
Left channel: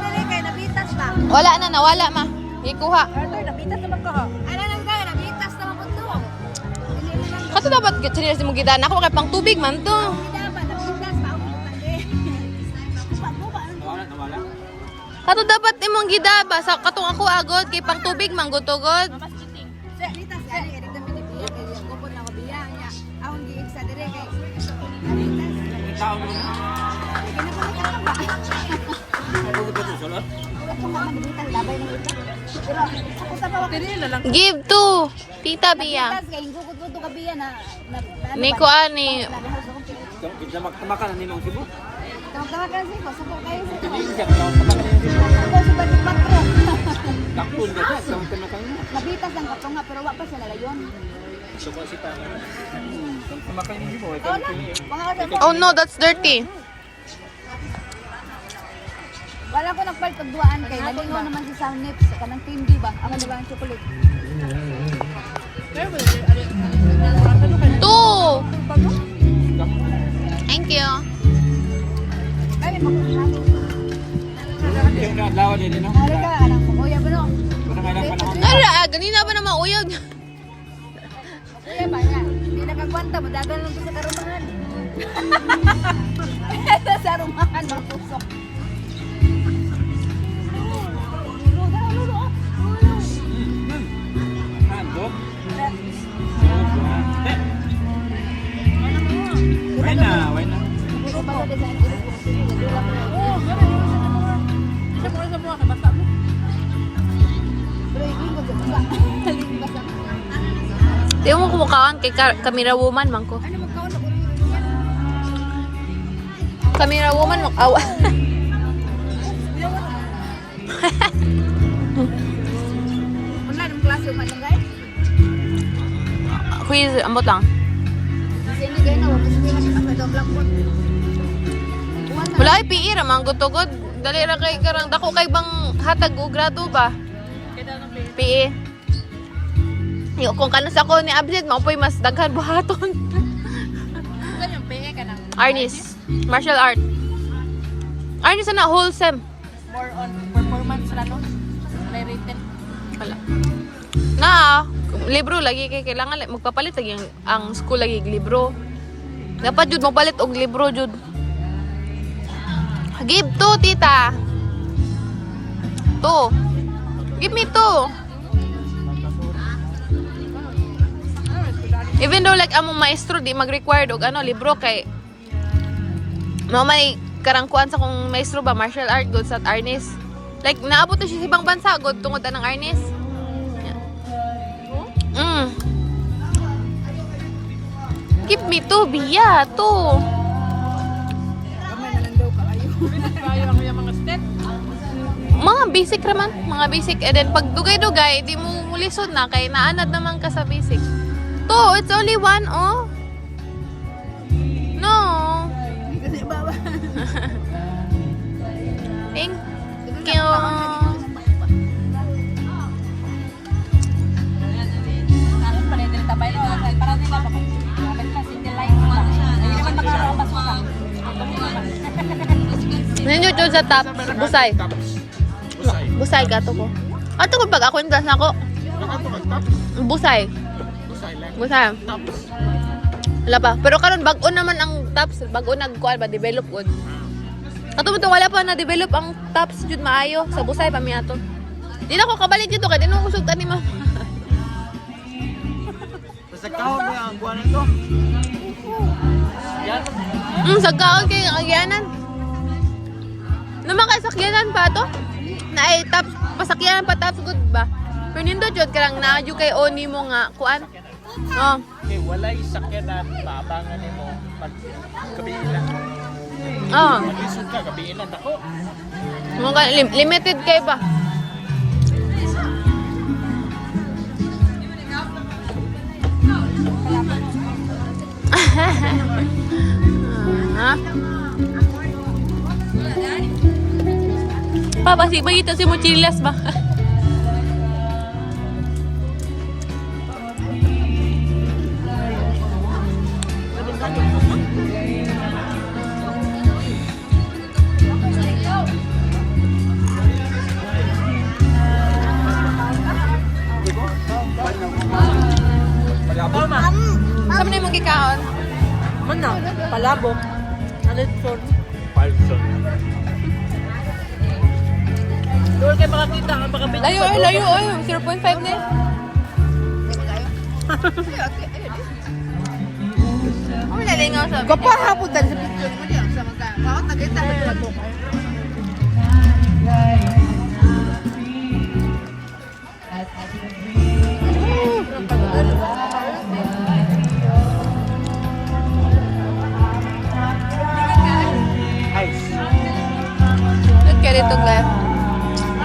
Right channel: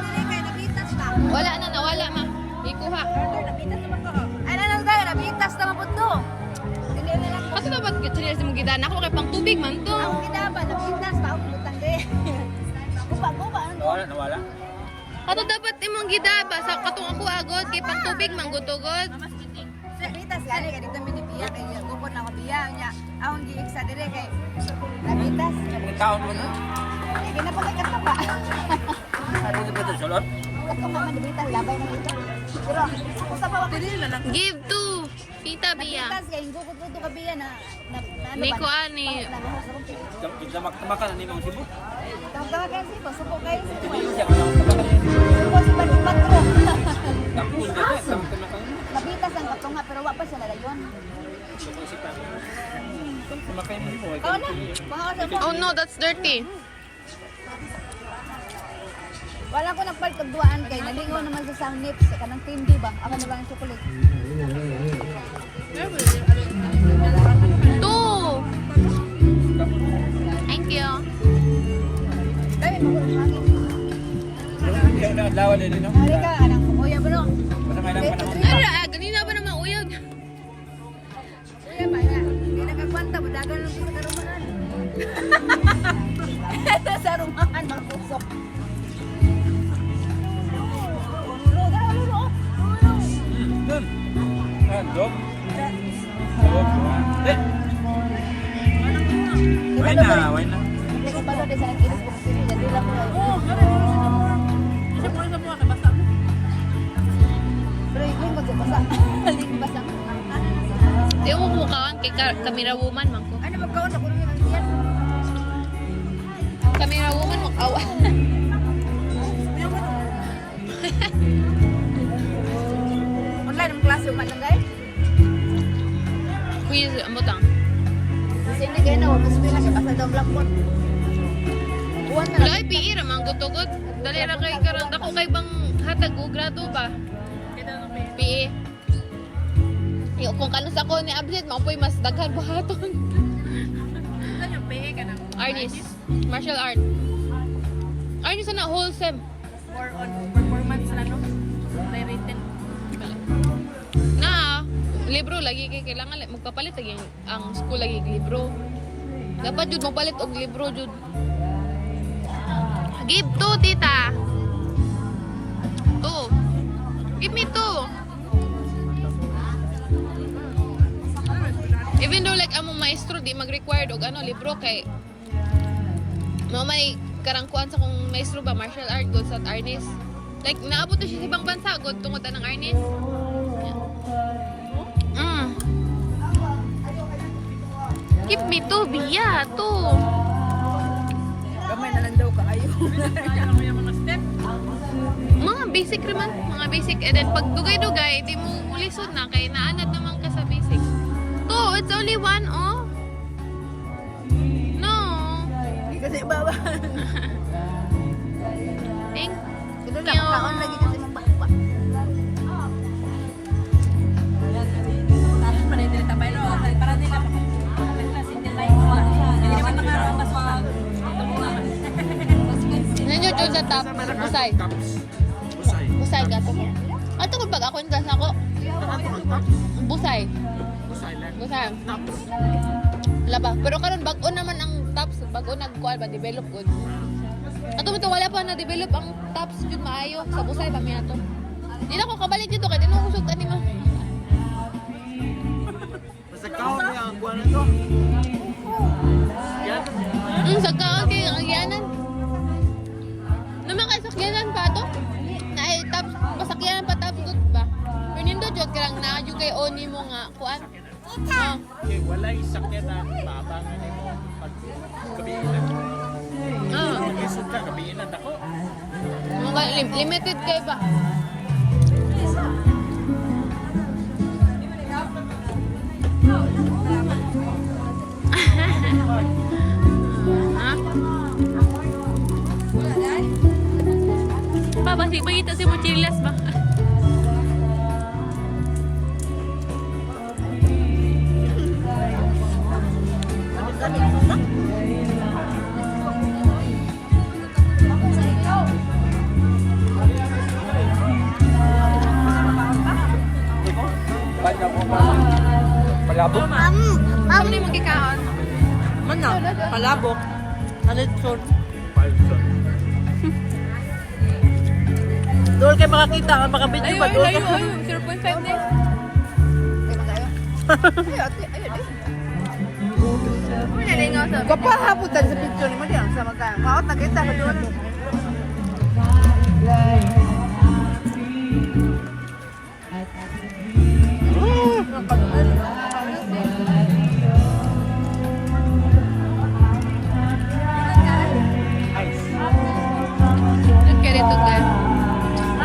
Dili kay nabitas ba? Wala na, nawala ma. Di kuha. Carter, nabitas naman ka. Ano lang tayo, nabitas naman po to. Dili na lang. Kato dapat chinelas mo gidana ako kay pang tubig man to. Ang gidaba, nabitas ba? Ako butang din. Guba. Nawala. Kato dapat imong gidaba sa katong ako agod kay pang tubig man gutugod. Nabitas ka rin. Ganito binibiya. Kaya yung kumon lang biya. Ang di iksa dire kay. Nabitas. Taon mo na. Pinapalagay ka pa. Ako di ba ito sulot? Ako mga nabitas, labay na ito. Pero ako sa bawat Give to Tita Bia. nabitas kay gugud-gud ka biya na ano Ni ba? ko ani. Makan na ninong sibo. Tawag-tawagan siya ko. Suko kayo sa Hindi ko siya. Makan na ninong sibo. Suko si Patro. Takpon din siya. Takpon na kang Nabitas ang katunga pero wa pa siya nalayon. Kumakay mo sibo. Ikaw na. Baka ka sa Oh no, that's dirty. wala ko nagpaltagduaan kay nalingaw naman sa sound nips kanang tindi ba? Ako na ba ang chocolate? 2. you. Yung nakadlawa din, no? Anak mo, kuya ba no? Basta nga lang panahon. Ala, ganina ba naman uyog? Kuya ba na? Hindi nakakwanta, madagal lang sa karumahan. Sa rumahan, mga pusok. Dog? Dog na. Why na? Di mo kumukhaan kay Camera Woman, man ko. Ano magkaon ako? Camera Woman, makawa. Online ang klase man lang guys. Quiz, ang botang. Kasi hindi kaya na, wag kasi pinakita sa blackboard. Wala ay PE ra man gutugod. Dali ra kay karang dako kay bang hatag og grado ba? PE. Yo kung kanos ako ni absent mo po'y mas daghan buhaton. Arnis, martial art. Arnis na wholesome. More on performance lang no? May written. Wala. Na, libro lagi kay kailangan magpapalit lagi ang school lagi libro. Dapat jud magpalit og libro jud. Give two, tita. Two. Give me two. Even though like among maestro di mag-required og ano libro kay may karangkuan sa kung maestro ba martial art good sa Arnis. Like naabot na siya sa ibang bansa good tungod anang Arnis. Give me two, biya, two. Gamay na lang daw kaayo. Mga basic raman, mga basic. And then pag dugay-dugay, di mo mulisod na kay naanad naman ka sa basic. Two, it's only one, oh. No. Hindi kasi baba. Thank Kasi you. kaon lagi kasi mababa. Natin pala din tapay lo, para nila pa kung single line mo lang. Hindi naman makaramas mo lang. Ninyo dyan sa top, busay. Busay ka to ko. Ato ko pag ako yung dress na ako. Busay. Busay. Wala pa. Pero karon bago naman ang tops, bago nagkuhan ba, develop on. Ato mo to, wala pa na-develop ang tops jud maayo sa busay pa miya to. Di na ko kabalik dito kaya di na musog tani mo. Sa kaon na ang buwan nito. Yan. Sa kaon kay agyanan. Naman kay sakyanan pa to. Na ay tops, pasakyanan pa tops good ba? Pero nindo jud karang naadyo kay oni mo nga kuan. Oh. Okay, wala isakyan na tabangan nimo. Kabiilan. Oh. Isod ka, kabiilan ako. Mga limited kay pa. Ha? Pa, basi ba kita si mochilas ba? Palabok. Saan na yung magkikaon? Mana? Palabok. Nalitson. 5 cents. Doon kayo makakita ang makabidyo Layo, pa ay, doon. layo, ay. 0.5 na Oh, lalingaw sa Kapahapon dali sa picture mo diyan sa magka. Kaot nagita ba doon? Look at ito guys.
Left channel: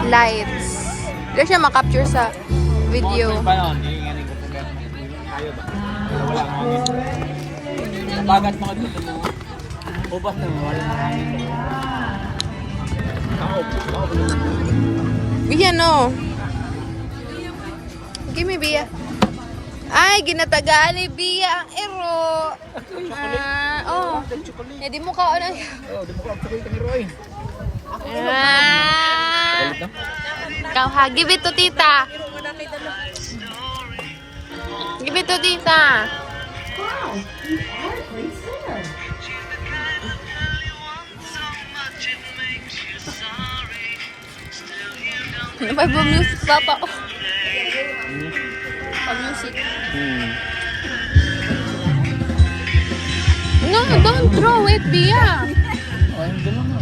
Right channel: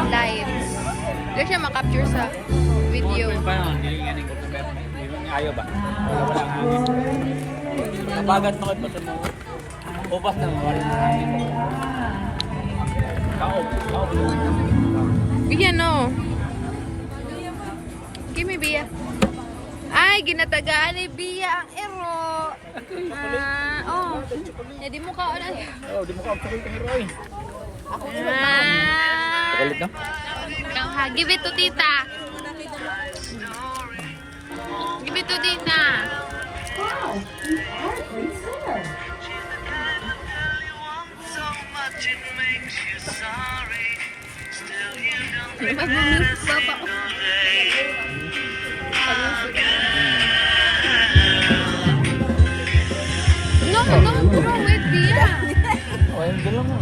Lights. Wala siya makapture sa video. Pa noon, hindi nga ning kumpleto mo. Kayo ba? Wala nga hangin. Nabagat mo ito mo. Ubas na wala na hangin. Bia, no. Give me Bia. Ay, ginatagaan ni Bia ang ero. Eh, di mo ka ano. Oh, di mo ka chocolate ang Roy. Ah. Ikaw ha, give it to tita. Give it to tita. Ano ba yung music, papa? Oh. Music. No, don't throw it, Bia. Ayun, dala mo.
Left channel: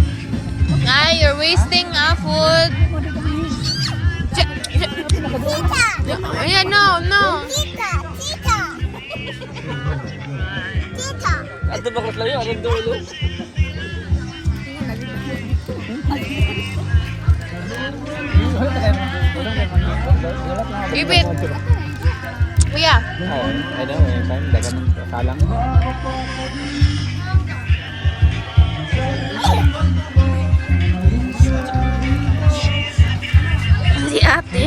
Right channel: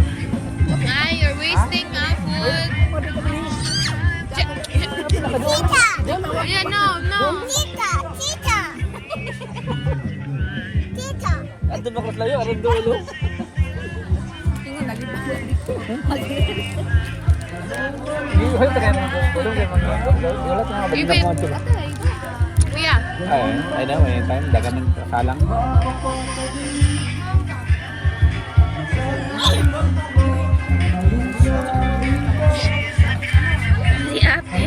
Ay, you're wasting food. Ayan, no. Ato ba kas layo? Aron dulo. Hoy, tagay mo. Give it. Kuya. Ay, daw, may time. Dagan ng salang. Si ate.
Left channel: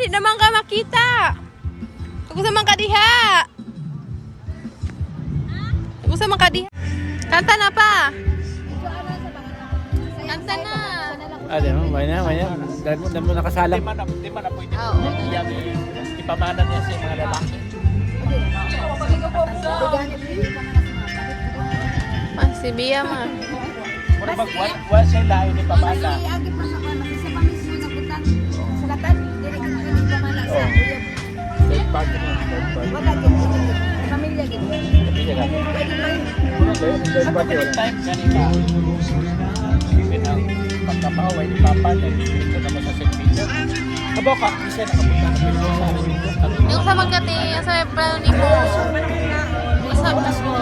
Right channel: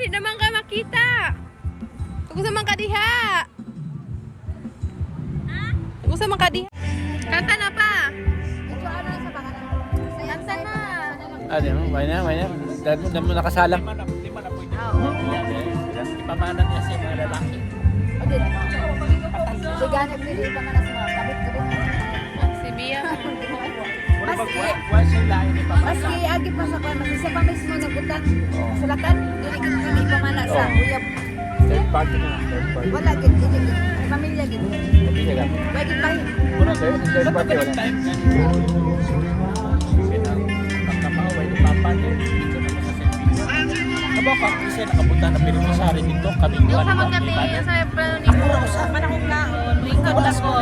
Adi naman ka makita. Gusto man ka diha. Gusto man ka diha. Kanta na pa. Kanta na. Ah, di mo. May na. Dahil mo nakasalang. Oo. Ipamanan niya sa mga lalaki. Si Bia ma. Wala siya lain ni Pamala. Agi pa sa kwan, isa pa mismo na butan. Sulatan, dili kita ni pamala sa uyab. Wala gid pamilya gid. Bagi ba? Sa pagkalit time kanina. Pagkapaway ni Papa niya. Dito naman sa service. Aba ka, isa nakapunta na pinag-usari nito. Yung sa magkati, sa brano ni mo. Manakong kaon, may sabon ako.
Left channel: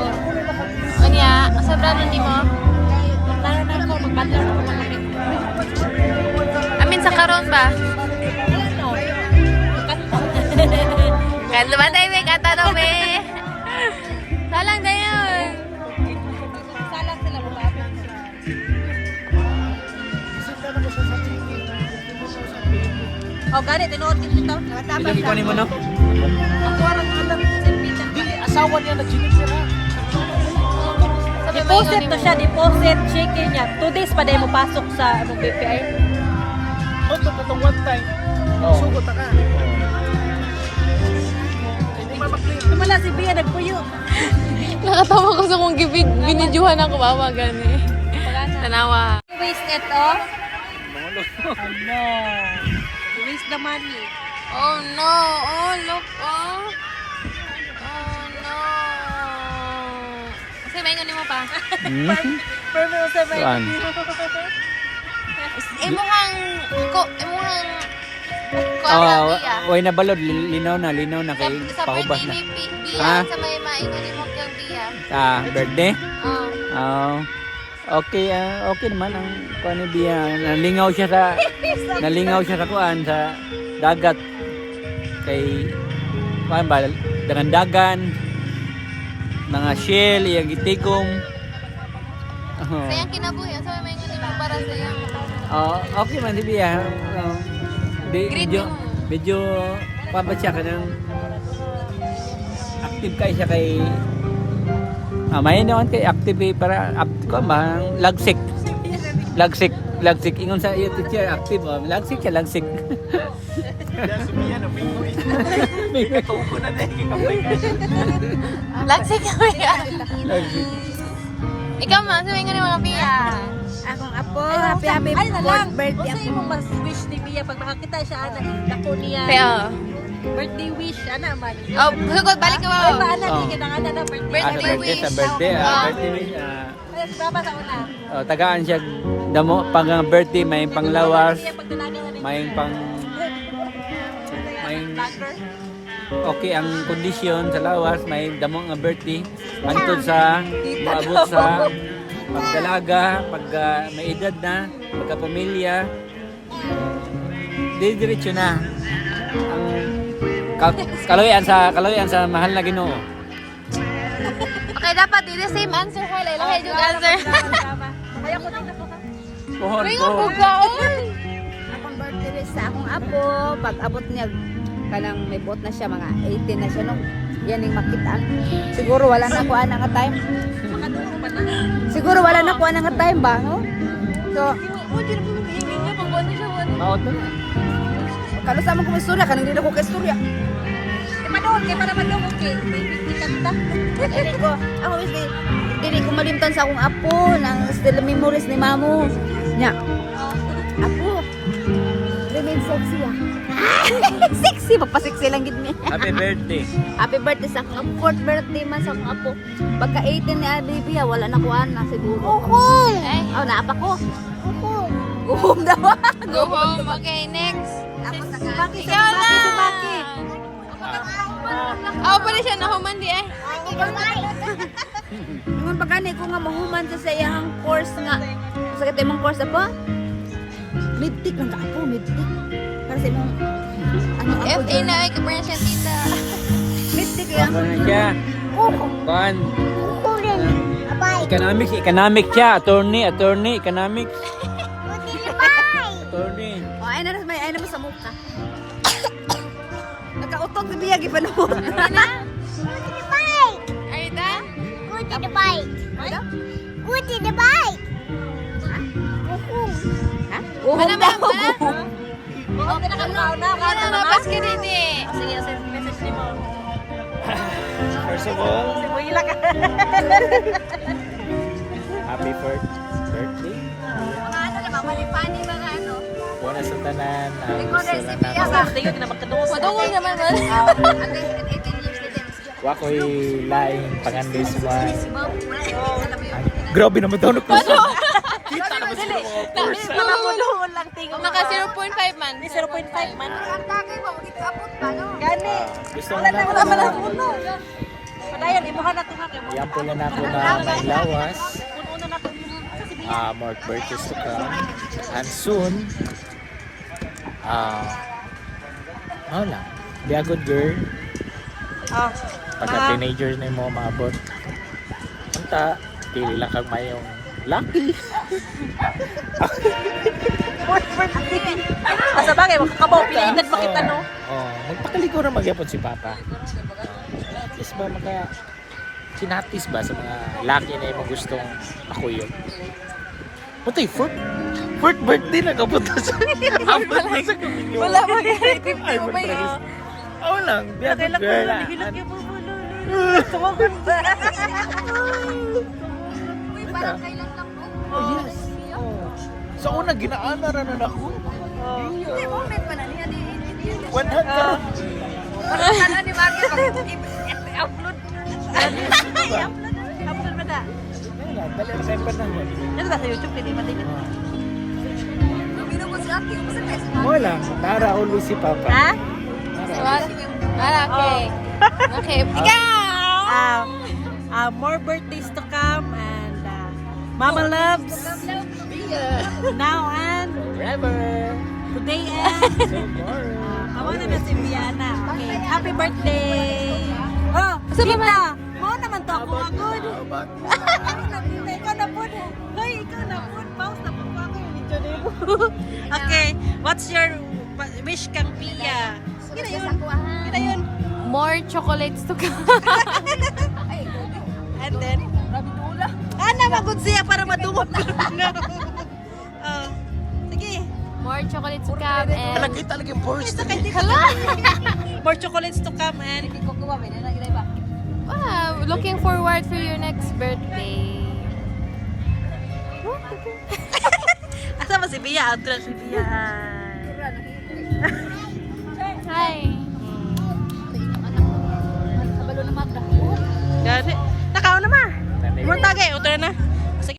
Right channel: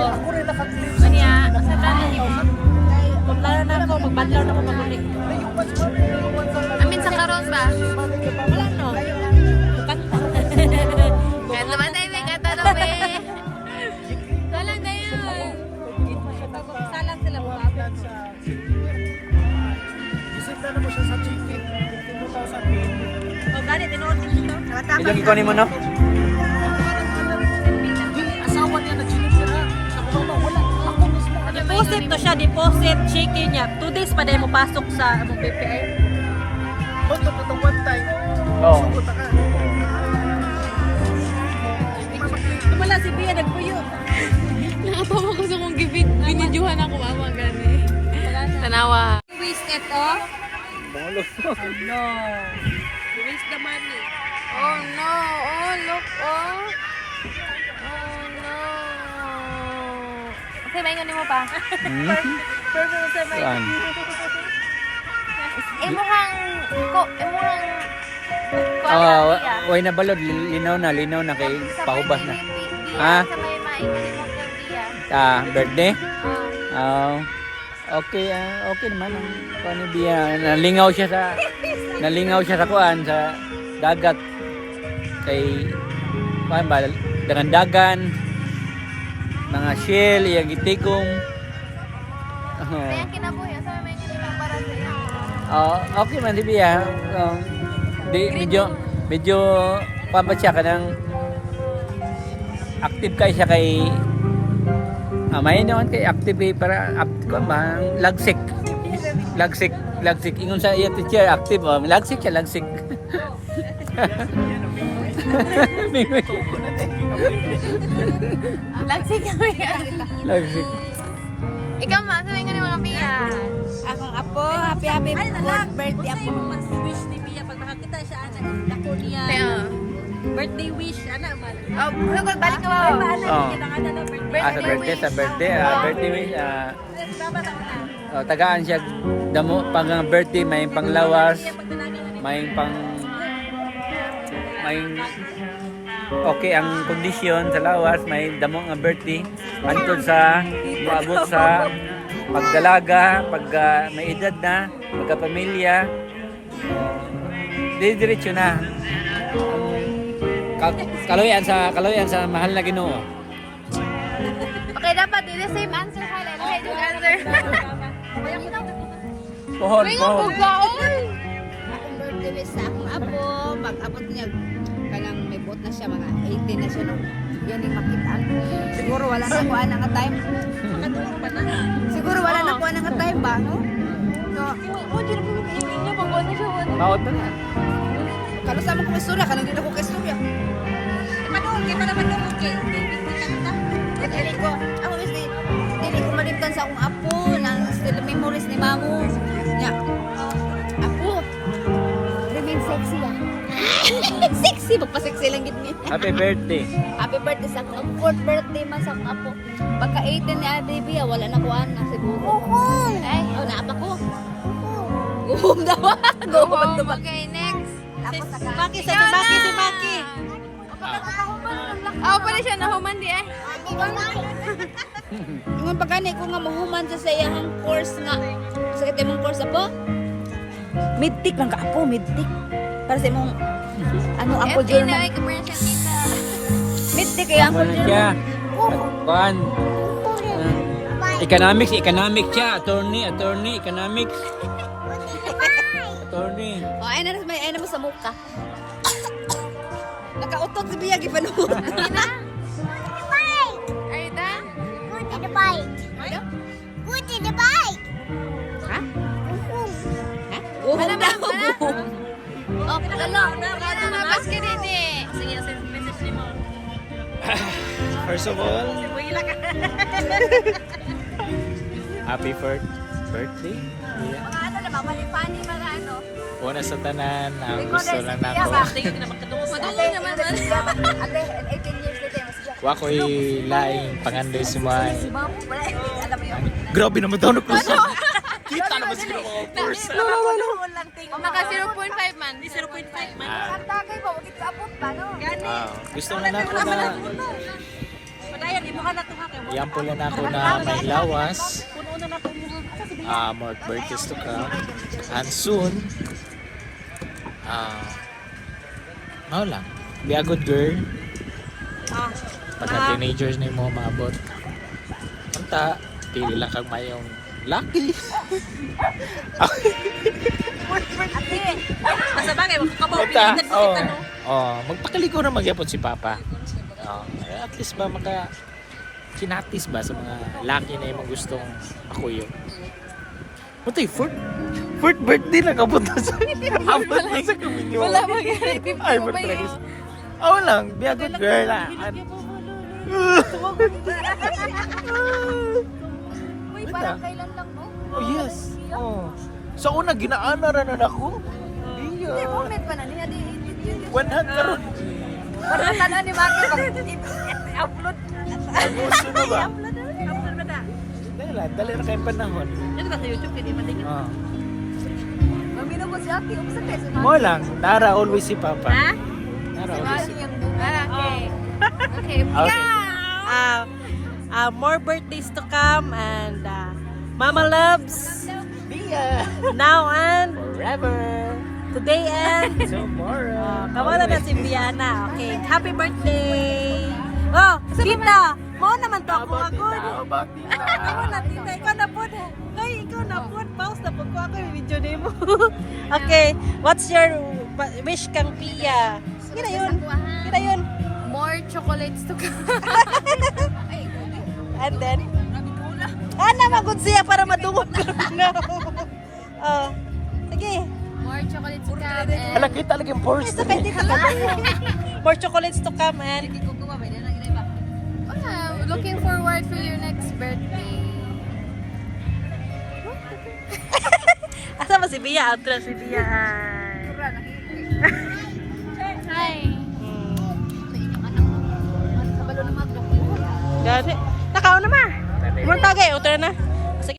Kanya, sa brano ni mo. Para na ako, magbadlaw na ako magamit. Amin sa karon ba? Wala no. Makanta. Kanta ba tayo may kanta no be? Salang na yun. Salang sila bumabot. Isip na mo siya sa chicken. Sa pin. Oh, gani tinuod din ito. Namatapos. Ilang ikunin mo no? Ako ra lang Di asawa niya na chinikira. Sa mga wala. Deposit to siya, deposit, chicken niya. 2 days pa dahil mo pasok sa among BPI. Ito itong one time. Oo. Sugot ka. Wala si Bia nagpuyo. Nakatawa ko sa kong binidyohan ako mama gani. Tanawa. Waste ito. Ano? Waste the money. Oh no. Oh look oh. Oh no. Kasi ba mo pa? Perfect sa may. Saan? Imuhang Bia. Way na balod, linaw na kay Sa pahubas birthday na. ni Bia, Ha? sa may maingon ni mo kang Bia. Birthday? Oh. Oo. Okay naman ang kuan ni Bia. Nalingaw siya sa kuan sa dagat kay kuan ba dagan mga shell iyang gitigom. Sayang kinabuhi, sa may maingon ni mo para sa iya. Okay man si Bia. Medyo kuan ba siya kanang active kay siya kay may naman kay active para kuan ba lagsik ingon sa iya teacher active lagsik siya lagsik. Lagsik ka Bia. Lagsik. Ikaw man, sa maingon ni mga Bia. Akong apo, happy fourth birthday apo. Mo mas wish ni Bia pag nakakita siya anak dako niya. Kaya, Birthday wish ana man. oh, sugod, balik ka ba? Ana Oh. ni kadang ana na birthday. Sa birthday birthday wish Ay, baba sa una. tagaan siya damo pang birthday may panglawas Bia pag dalaga na may okay ang kondisyon sa lawas may damo nga birthday antod sa moabot sa pagdalaga pag may edad na magkapamilya diretso na ang kaloyan sa mahal na Ginoo. Okay, dapat the same answer ha. Lahi yung answer. Pohon, May pohon. mabugaon. Akong birthday sa akong apo, pag abot niya, kanang may buot na siya, mga 18 na siya no. Yan yung makitaan. Siguro wala na kuha na nga time. Makatulog pa na. Siguro wala na kuha na nga time ba, no? So, Oh, di na po hingin niya. Pag ano siya, ano. Maot na. kalo sa ko may istorya, kanang dito ko kay istorya. Madungog kay para madungog kay. Dili ko, ako wis dili ko malimtan sa akong apo nang still memories ni mamo. Nya. Apo. Remain sexy ah. Sexy magpa-sexy lang gid ni. Happy birthday. Happy birthday sa akong 4th birthday man sa akong apo. Pagka 18 ni baby wala na kuan na siguro. Ay, Oh, naapa ko. Go home daw. go home. Okay, next. Maki sa si Maki. Ako pa rin siya nahuman di ay. Ingon pa gani ko nga mahuman siya sa iyang course nga. Sa kay imong course apo? Midtik lang ka apo, midtik. Para sa imong ano apo FA German. na ay kaparan siya tita. Midtik kay apo Kaya, German. kuhan. Economics siya. Attorney, economics. Attorney. Oh, ay na sa mukha. Nakautot si Bia gipanuot. Are you done? Ano? Ha? Ha? Mana, daw. mana? Oh, ano mabas ka rin eh. First of all, happy birthday. Yeah. Mga ano na mamalipani mga ano. Una sa tanan, ang gusto lang nako. Madungol naman man. Ate 18 years na din. Wa ko'y laing panganday si May. Grabe naman daw na puso. Kita naman siguro mga puso. Naka 0.5 man. 0.5 man. Ang tagay ba wag abot ba no? Gusto nga nako na Padayon imuha na to ha kay mo. yan pula nako na may lawas. Puno na nato imuha. More birthdays to come. And soon, mao lang. Be a good girl. Ah. Pagka teenagers na mo maabot. Punta, pili lang kang mayong lucky. Asa bagay makakabaw pilitan ba kita no? Magpakaligo na magyapon si Papa. At least ba kinatis ba sa mga lucky na imong gustong makuyog. Putay, fourth birthday na kapunta sa abot na sa kaminyo. Wala ba kaya equip Ay, mo ba yun? matragis. Oo lang, be a good girl. Uy, parang kailan lang mo? Oh, yes. Oh. Sa una, ginaanaran na ako. Iya. Comment pa na niya di. 100 karon. Ano ni Maki? Ang gusto na ba? Upload mo na. Dali na kayong panahon. Dito sa YouTube kay di man din. Ah. Mamino ko si Aki, umpisa kay si Mo lang, Nara always si Papa. Ha? Nara always si Okay. Okay. Ikaw! More birthdays to come and Mama loves now and today and kawala na si Biana. Okay, happy birthday! Oh, Tita! Mo naman to ako agad. Ako na, Tita. Ikaw na po. Hoy, ikaw na po. Pause na po ko ako yung video din mo. Okay, what's your wish kang Pia? Kira yun. Kira yun. More chocolates to come. And then? Ana, magod siya para madungog ko. No. Oh, sige. More chocolates to come and... Kita lagi ang post. Isa kay Tita. More chocolates to come and Wow, looking forward for your next birthday. asa ba si Bia? Outro si Bia.